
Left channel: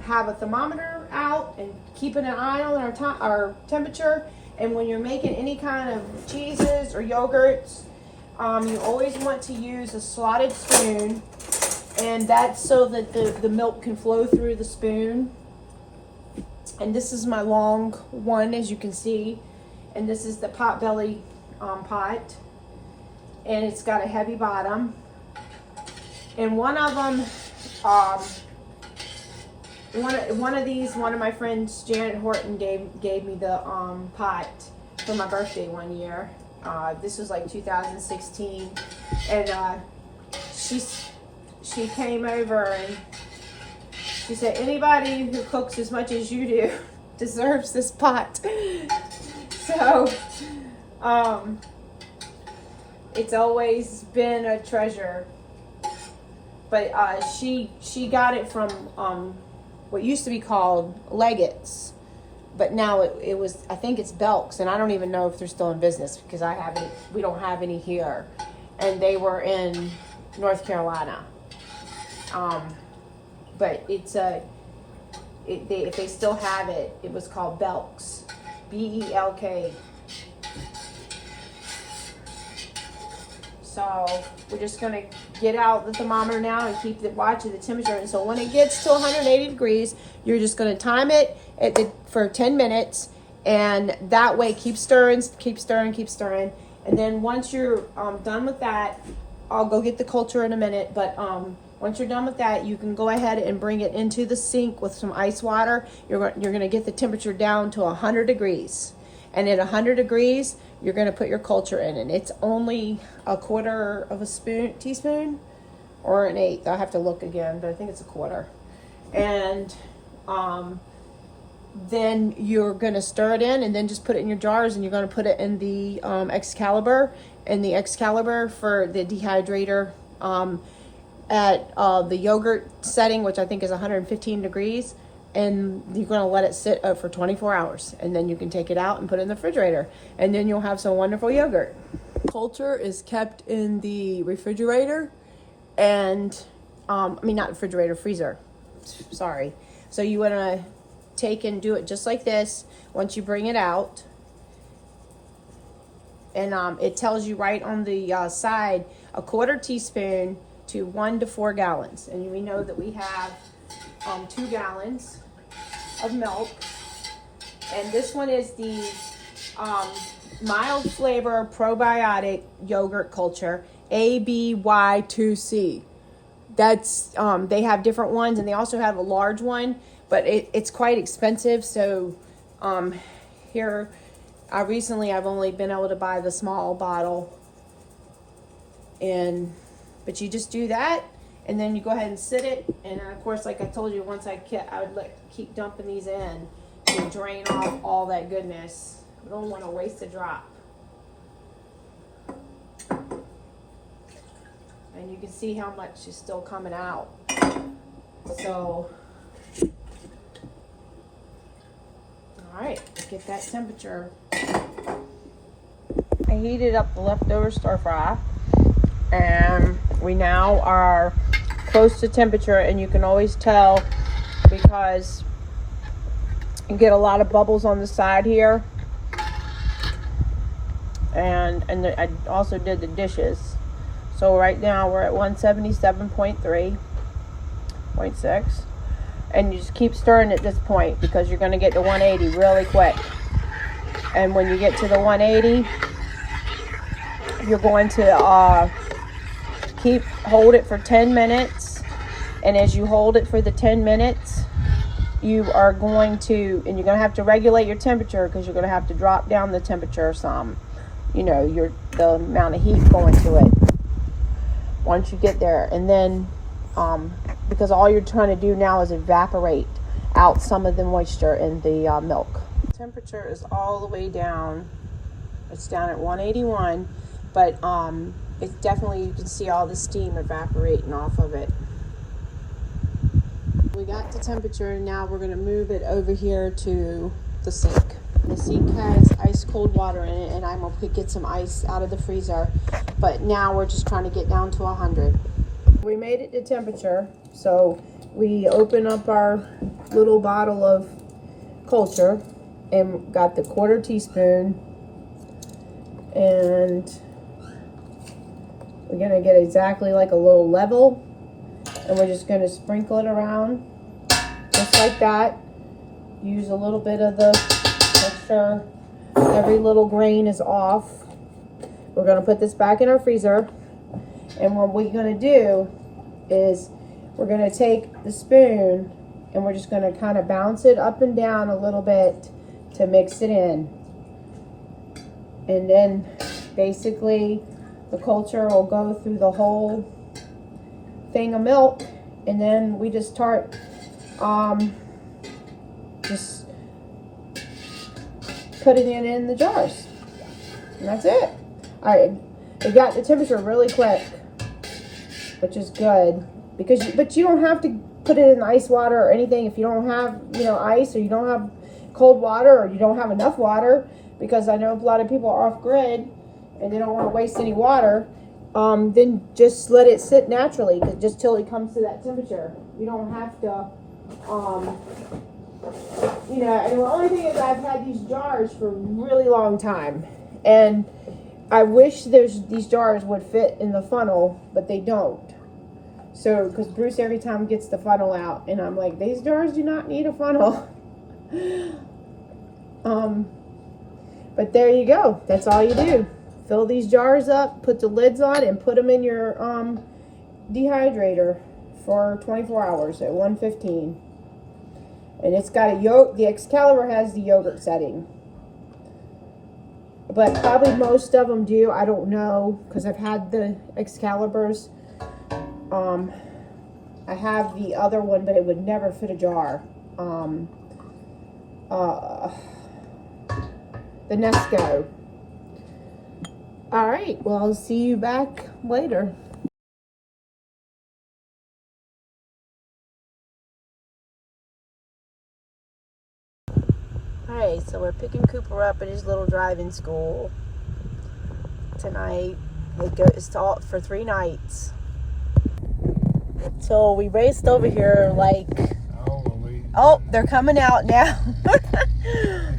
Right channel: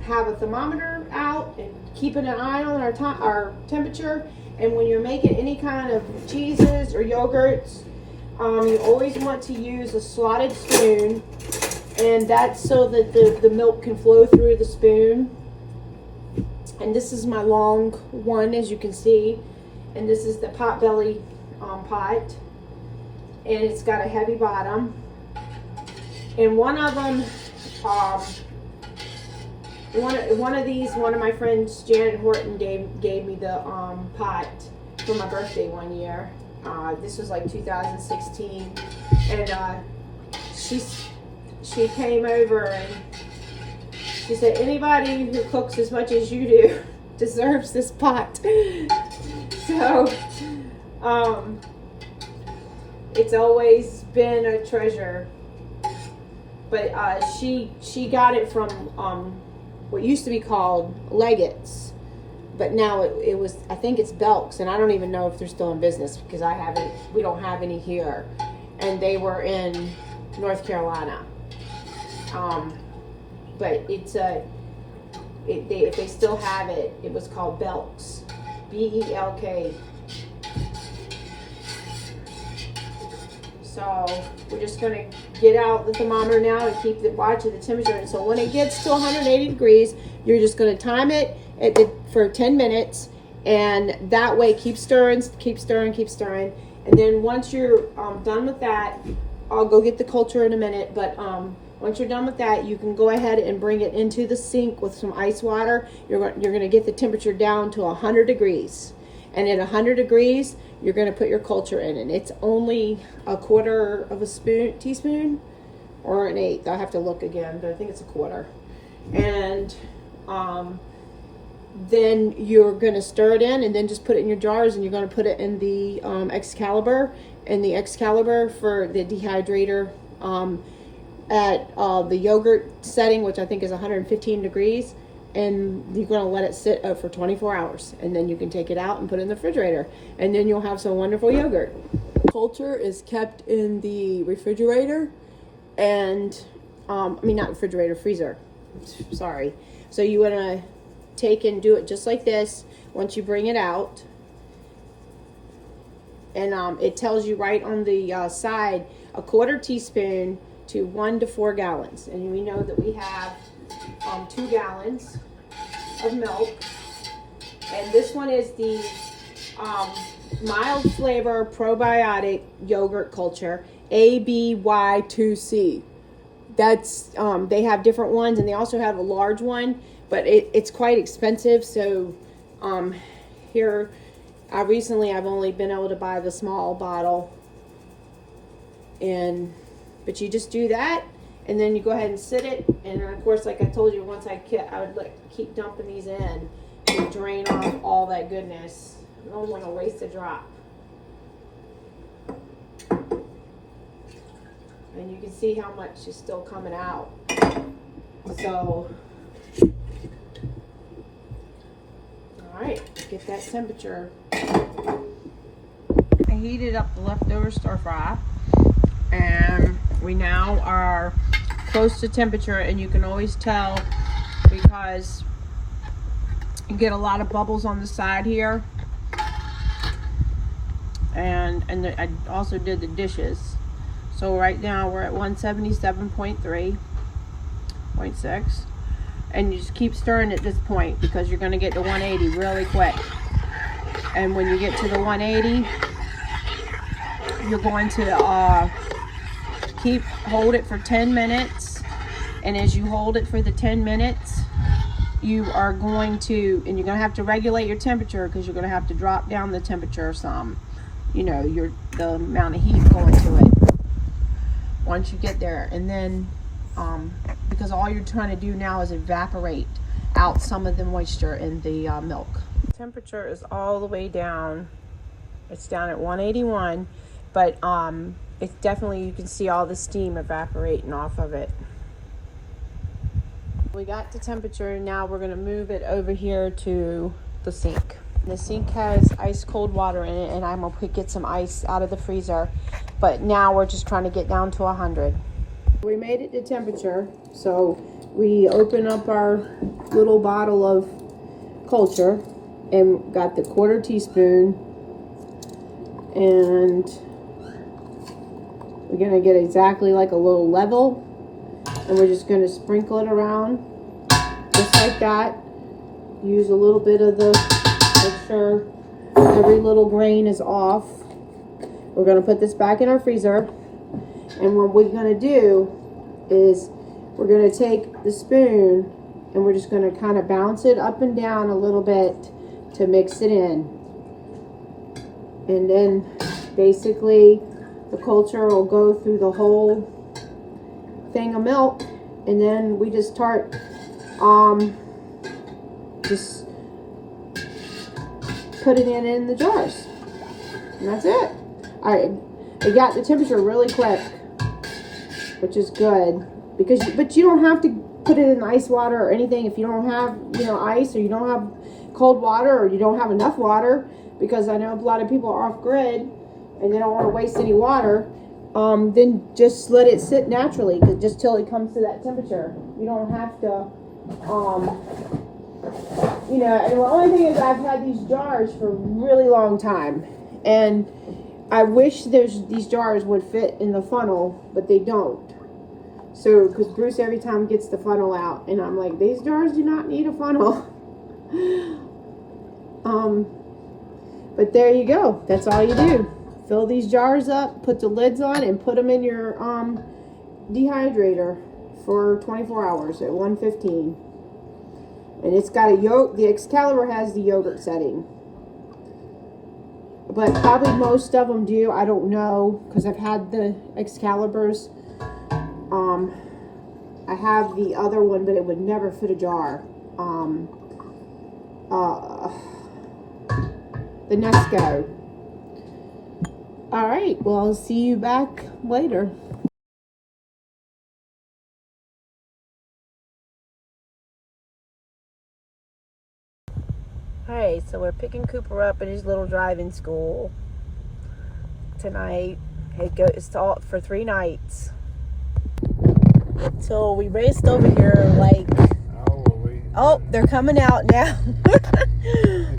have a thermometer out and keeping an eye on our temperature. And when you're making any kind of cheeses or yogurts, you always want to use a slotted spoon, and that's so that the milk can flow through the spoon. And this is my long one, as you can see, and this is the potbelly pot, and it's got a heavy bottom. And one of them, one of my friends, Janet Horton, gave me the pot for my birthday one year. This was like 2016, and she came over and she said, anybody who cooks as much as you do deserves this pot. So it's always been a treasure. But she got it from what used to be called Leggett's, but now it was, I think it's Belk's, and I don't even know if they're still in business because we don't have any here, and they were in North Carolina. But it's if they still have it, it was called Belk's, Belk. So we're just gonna get out the thermometer now and keep watching the temperature. And so when it gets to 180 degrees, you're just gonna time it for 10 minutes, and that way keep stirring. And then once you're done with that, I'll go get the culture in a minute, but once you're done with that, you can go ahead and bring it into the sink with some ice water. You're gonna get the temperature down to 100 degrees. And at 100 degrees, you're going to put your culture in, and it's only a quarter of a teaspoon, or an eighth. I'll have to look again, but I think it's a quarter. And then you're going to stir it in, and then just put it in your jars, and you're going to put it in the Excalibur, for the dehydrator at the yogurt setting, which I think is 115 degrees. And you're going to let it sit up for 24 hours, and then you can take it out and put it in the refrigerator, and then you'll have some wonderful yogurt. Culture is kept in the refrigerator, and not refrigerator, freezer, sorry, So you want to take and do it just like this once you bring it out. And it tells you right on the side, a 1/4 teaspoon to 1 to 4 gallons. And we know that we have 2 gallons of milk. And this one is the mild flavor probiotic yogurt culture, ABY2C. That's they have different ones, and they also have a large one, but it's quite expensive. So here I've only been able to buy the small bottle, but you just do that, and then you go ahead and sit it, and of course, like I told you, once I would keep dumping these in to drain off all that goodness. I don't want to waste a drop. And you can see how much is still coming out. So, all right, get that temperature. I heated up the leftover stir fry, and we now are close to temperature, and you can always tell because you get a lot of bubbles on the side here. And I also did the dishes. So right now we're at 177.3.6, and you just keep stirring at this point because you're going to get to 180 really quick. And when you get to the 180, you're going to hold it for 10 minutes. And as you hold it for the 10 minutes, you're going to have to regulate your temperature because you're going to have to drop down the temperature some. The amount of heat going to it once you get there. And then because all you're trying to do now is evaporate out some of the moisture in the milk. Temperature is all the way down. It's down at 181, but it's definitely, you can see all the steam evaporating off of it. We got the temperature, and now we're going to move it over here to the sink. The sink has ice cold water in it, and I'm going to get some ice out of the freezer. But now we're just trying to get down to 100. We made it to temperature, so we open up our little bottle of culture and got the 1/4 teaspoon, and we're going to get exactly like a little level, and we're just going to sprinkle it around just like that. Use a little bit of the, make sure every little grain is off. We're going to put this back in our freezer, and what we're going to do is we're going to take the spoon and we're just going to kind of bounce it up and down a little bit to mix it in. And then basically the culture will go through the whole thing of milk, and then we just start just putting it in the jars, and that's it. It got the temperature really quick, which is good, but you don't have to put it in ice water or anything if you don't have ice, or you don't have cold water, or you don't have enough water, because I know a lot of people are off grid and they don't want to waste any water. Then just let it sit naturally, just till it comes to that temperature. You don't have to and the only thing is, I've had these jars for a really long time, and I wish these jars would fit in the funnel, but they don't. So, because Bruce every time gets the funnel out, and I'm like, these jars do not need a funnel. But there you go. That's all you do. Fill these jars up, put the lids on, and put them in your dehydrator for 24 hours at 115. And it's got the Excalibur has the yogurt setting. But probably most of them do. I don't know, because I've had the Excaliburs. I have the other one, but it would never fit a jar. The Nesco. All right, well, I'll see you back later. Hey, so we're picking Cooper up at his little driving school tonight. It's for 3 nights. So we raced over here like Oh, they're coming out now.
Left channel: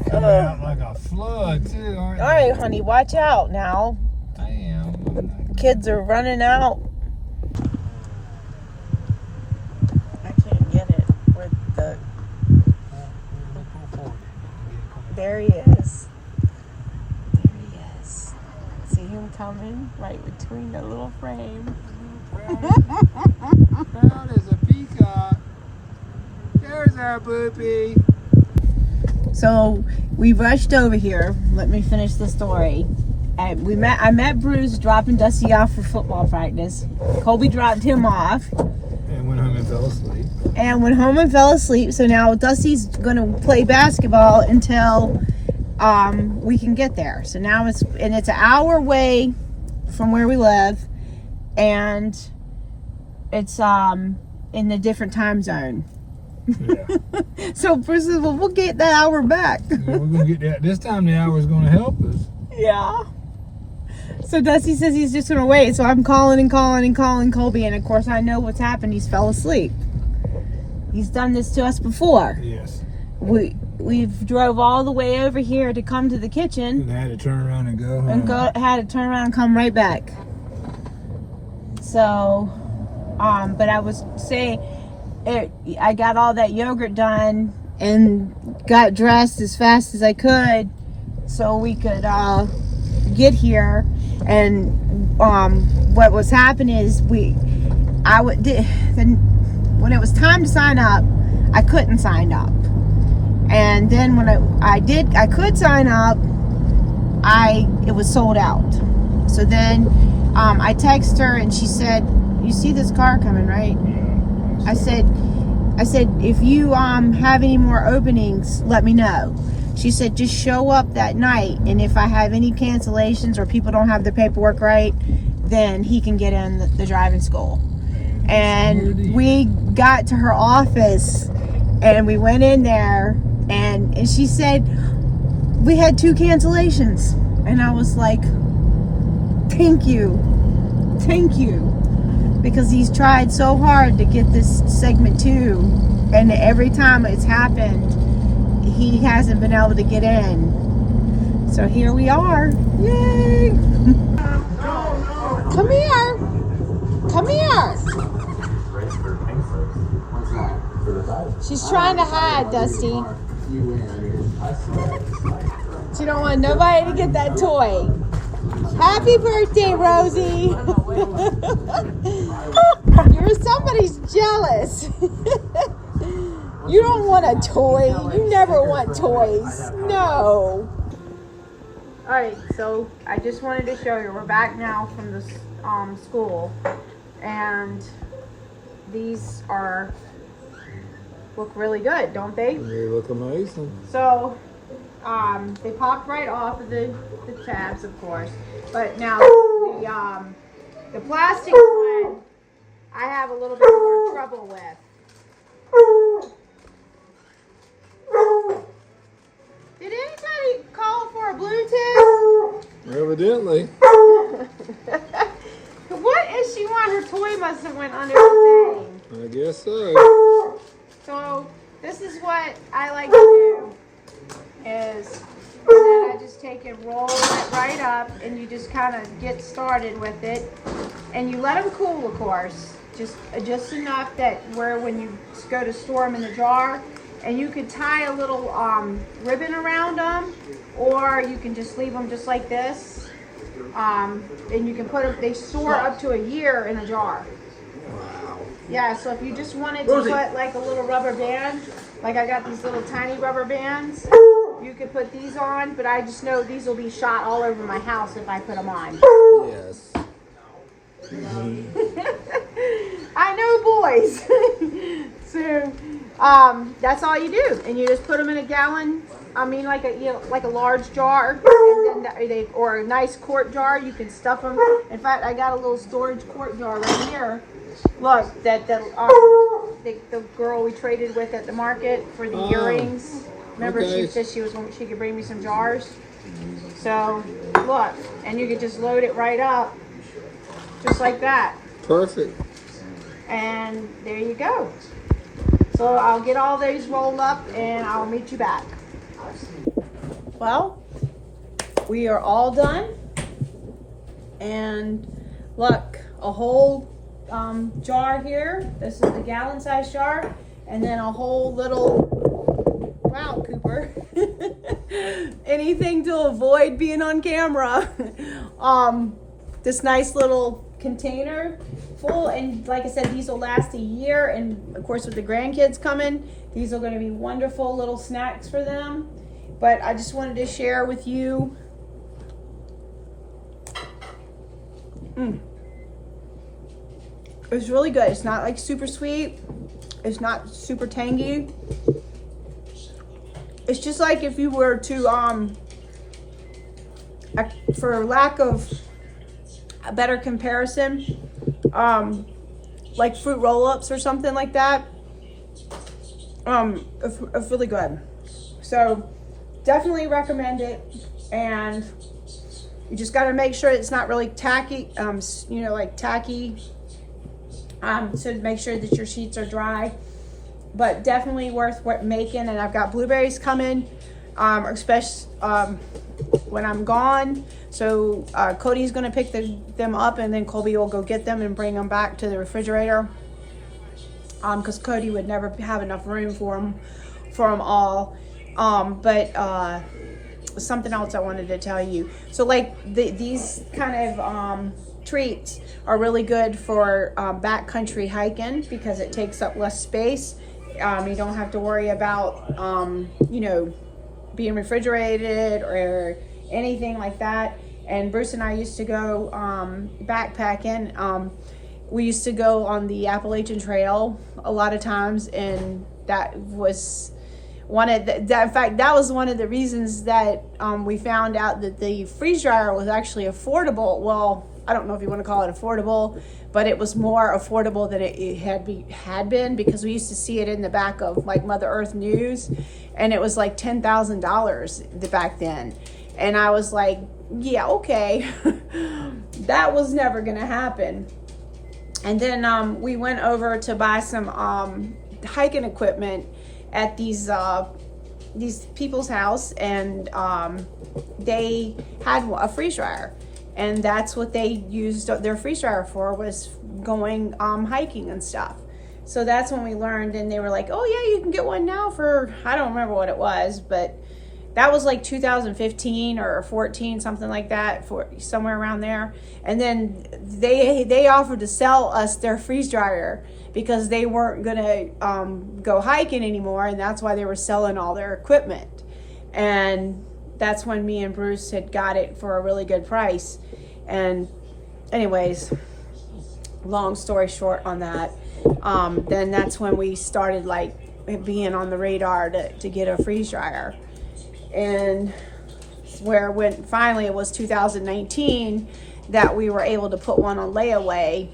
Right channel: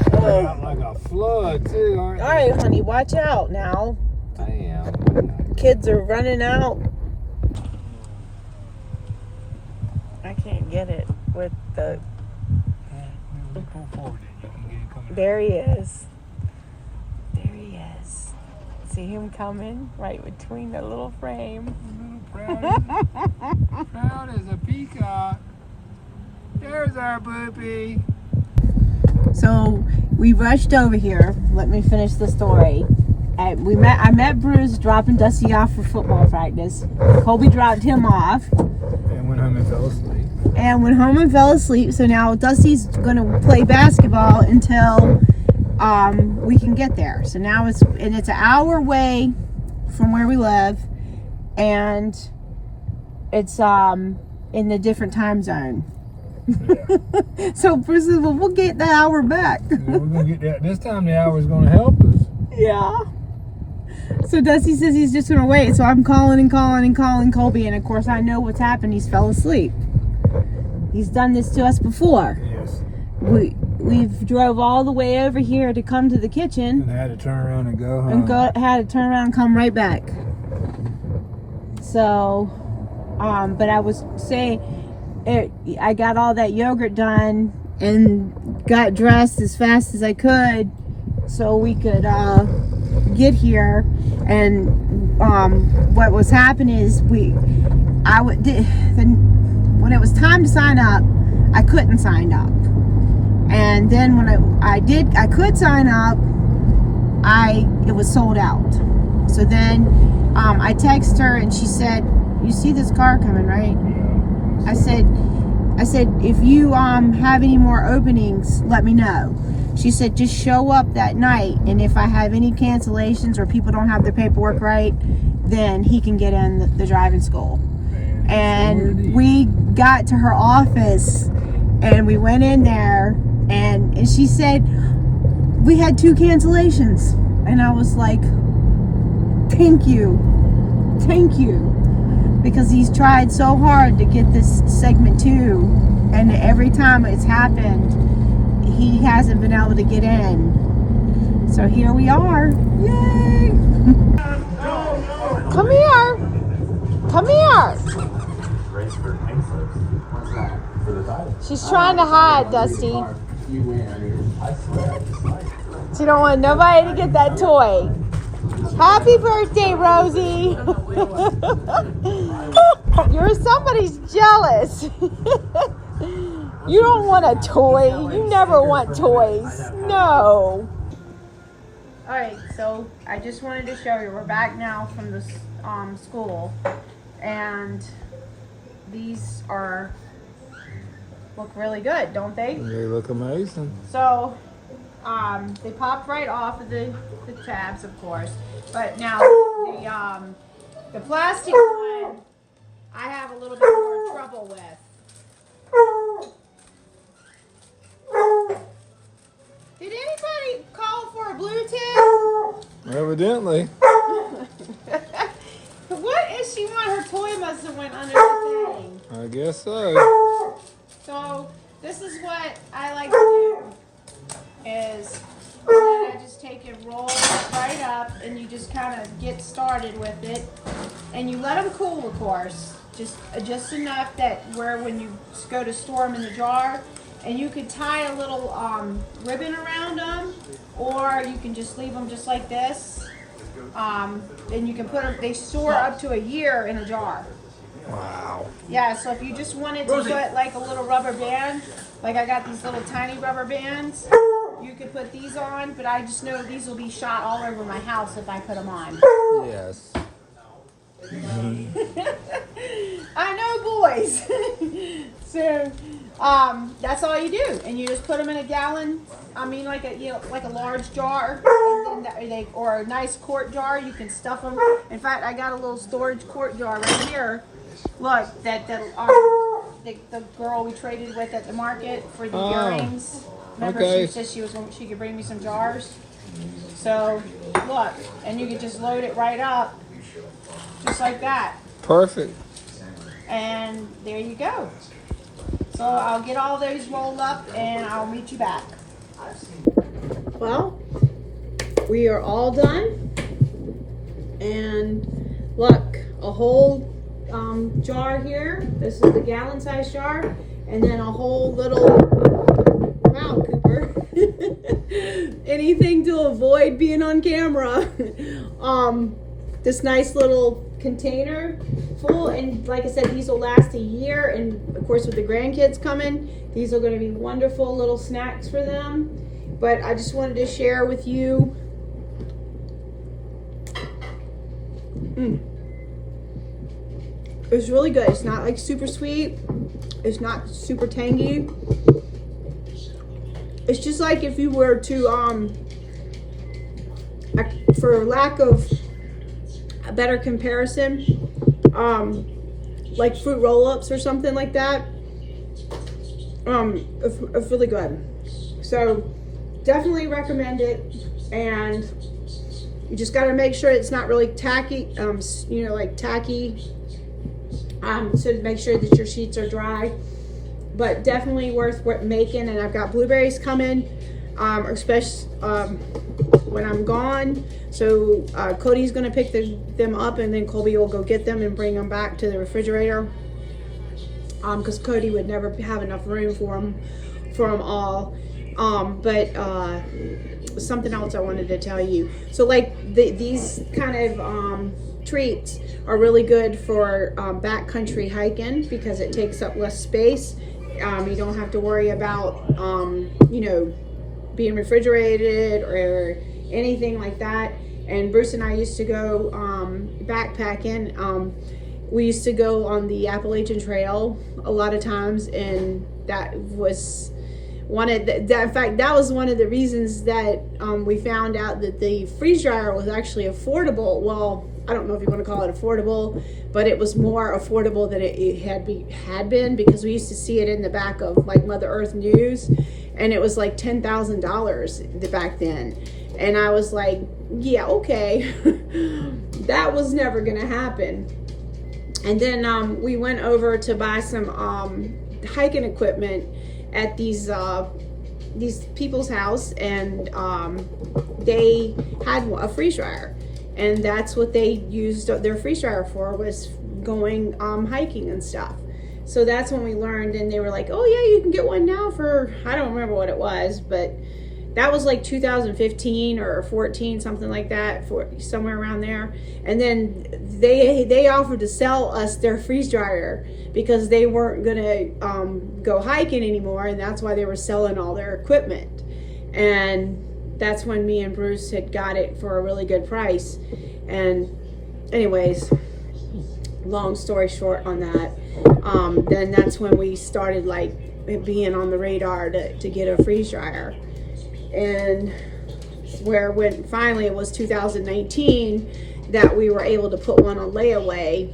Coming out like a flood too, aren't they? All right, honey, watch out now. I am. Kids are running out. I can't get it with the. There he is. There he is. See him coming right between the little frame. That is a peacock. There's our boopy. So we rushed over here. Let me finish the story. I met Bruce dropping Dusty off for football practice. Colby dropped him off. And went home and fell asleep. So now Dusty's gonna play basketball until we can get there. So now it's an hour away from where we live, and it's in a different time zone. Yeah. So Bruce says, well, we'll get that hour back. Yeah, we're gonna get that. This time the hour's gonna help us. Yeah. So Dusty says he's just gonna wait. So I'm calling Colby, and of course I know what's happened. He's fell asleep. He's done this to us before. Yes. We've drove all the way over here to come to the kitchen. And I had to turn around and go home. Had to turn around and come right back. So, but I was saying, I got all that yogurt done and got dressed as fast as I could so we could get here. And what was happening is when it was time to sign up, I couldn't sign up. And then when I could sign up, it was sold out. So then I texted her and she said, "You see this car coming, right?" I said, "If you have any more openings, let me know." She said, "Just show up that night, and if I have any cancellations or people don't have their paperwork right, then he can get in the driving school." And we got to her office and we went in there, and she said, "We had 2 cancellations." And I was like, thank you, because he's tried so hard to get this segment 2, and every time it's happened, he hasn't been able to get in. So here we are. Yay! Come here. She's trying to hide, Dusty. She don't want nobody to get that toy. Happy birthday, Rosie. Somebody's jealous. You don't want a toy. You never want toys. No. Alright, so I just wanted to show you. We're back now from the school. And these look really good, don't they? They look amazing. So, they popped right off of the tabs, of course. But now, the plastic one, I have a little bit more trouble with. Did anybody call for a Bluetooth? Evidently. What is she want? Her toy must have went under the thing. I guess so. So, this is what I like to do, is then I just take and roll it right up, and you just kind of get started with it. And you let them cool, of course. Just enough that where when you go to store them in the jar, and you could tie a little ribbon around them, or you can just leave them just like this. And you can put them, they store up to a year in a jar. Wow. Yeah, so if you just wanted to put like a little rubber band, like I got these little tiny rubber bands, you could put these on, but I just know these will be shot all over my house if I put them on. Yes. I know, boys. So, that's all you do, and you just put them in a gallon. I mean, like a large jar, and then or a nice quart jar. You can stuff them. In fact, I got a little storage quart jar right here. Look, that the girl we traded with at the market for the earrings. Remember, okay. She said she could bring me some jars. So look, and you could just load it right up, just like that. Perfect. And there you go. So I'll get all those rolled up and I'll meet you back. Well, we are all done. And look, a whole jar here. This is the gallon size jar. And then a whole little, wow, Cooper. Anything to avoid being on camera. This nice little container full, and like I said, these will last a year, and of course with the grandkids coming, these are going to be wonderful little snacks for them. But I just wanted to share with you. It's really good. It's not like super sweet, it's not super tangy. It's just like if you were to for lack of a better comparison, like fruit roll-ups or something like that. It's really good. So definitely recommend it. And you just got to make sure it's not really tacky, you know, like tacky. So make sure that your sheets are dry, but definitely worth making. And I've got blueberries coming, especially when I'm gone. So Cody's gonna pick them up, and then Colby will go get them and bring them back to the refrigerator. Because Cody would never have enough room for them all. But something else I wanted to tell you. So like these kind of treats are really good for backcountry hiking because it takes up less space. You don't have to worry about you know, being refrigerated or anything like that. And Bruce and I used to go backpacking. We used to go on the Appalachian Trail a lot of times, and that was one of the, in fact, that was one of the reasons that we found out that the freeze dryer was actually affordable. Well, I don't know if you want to call it affordable, but it was more affordable than it had been, because we used to see it in the back of like Mother Earth News, and it was like $10,000 back then. And I was like, yeah, okay. That was never gonna happen. And then we went over to buy some hiking equipment at these people's house, and they had a freeze dryer, and that's what they used their freeze dryer for, was going hiking and stuff. So that's when we learned, and they were like, oh yeah, you can get one now for, I don't remember what it was, but that was like 2015 or 14, something like that, for somewhere around there. And then they offered to sell us their freeze dryer because they weren't gonna go hiking anymore, and that's why they were selling all their equipment. And that's when me and Bruce had got it for a really good price. And anyways, long story short on that, then that's when we started like being on the radar to get a freeze dryer. And when finally it was 2019 that we were able to put one on layaway,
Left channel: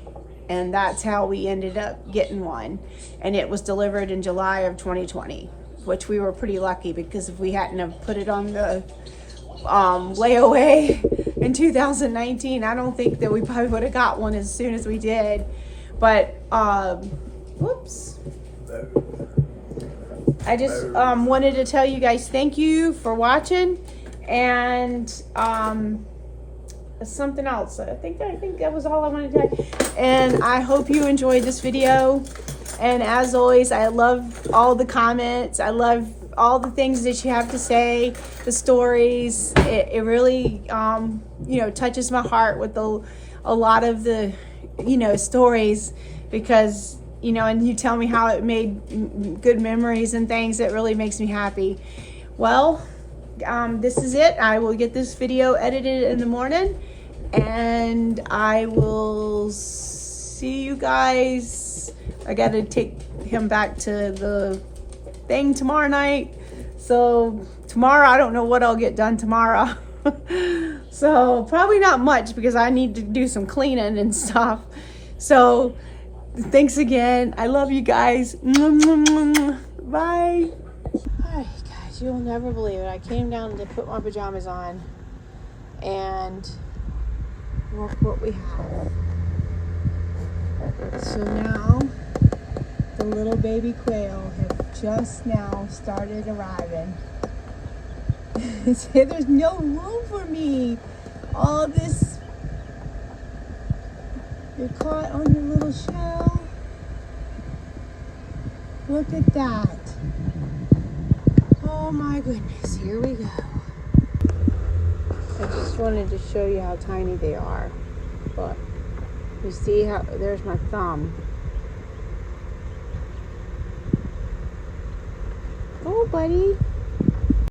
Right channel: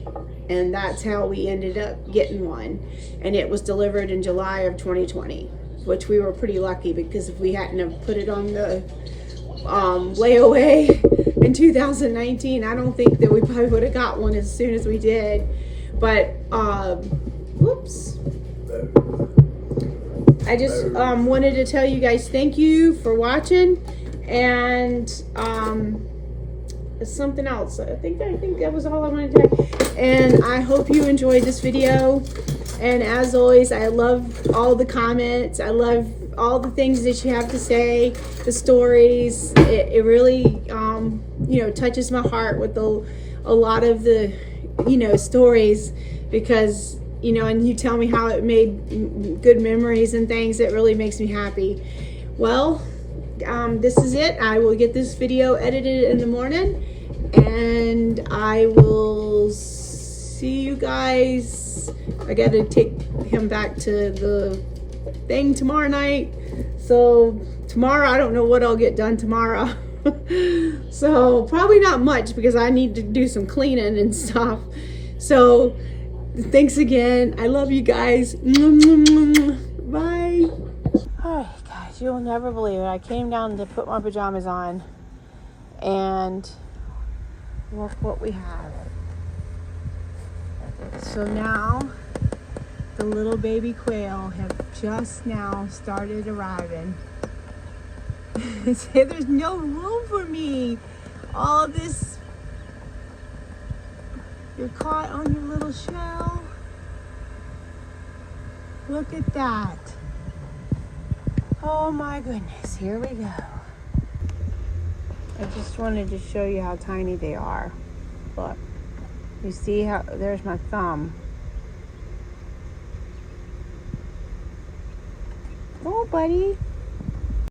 and that's how we ended up getting one. And it was delivered in July of 2020, which we were pretty lucky, because if we hadn't have put it on the layaway in 2019, I don't think that we probably would have got one as soon as we did. But whoops. I just wanted to tell you guys thank you for watching, and something else. I think that was all I wanted to tell. And I hope you enjoyed this video. And as always, I love all the comments. I love all the things that you have to say, the stories. It really you know, touches my heart with a lot of the, you know, stories, because you know, and you tell me how it made good memories and things. It really makes me happy. Well, this is it. I will get this video edited in the morning, and I will see you guys. I got to take him back to the thing tomorrow night. So tomorrow, I don't know what I'll get done tomorrow. So probably not much, because I need to do some cleaning and stuff. So thanks again. I love you guys. Bye. Hi guys, you'll never believe it. I came down to put my pajamas on, and look what we have. So now the little baby quail have just now started arriving. There's no room for me. All this, you're caught on your little shell. Look at that. Oh my goodness, here we go. I just wanted to show you how tiny they are. Look, you see how, there's my thumb. Oh, buddy.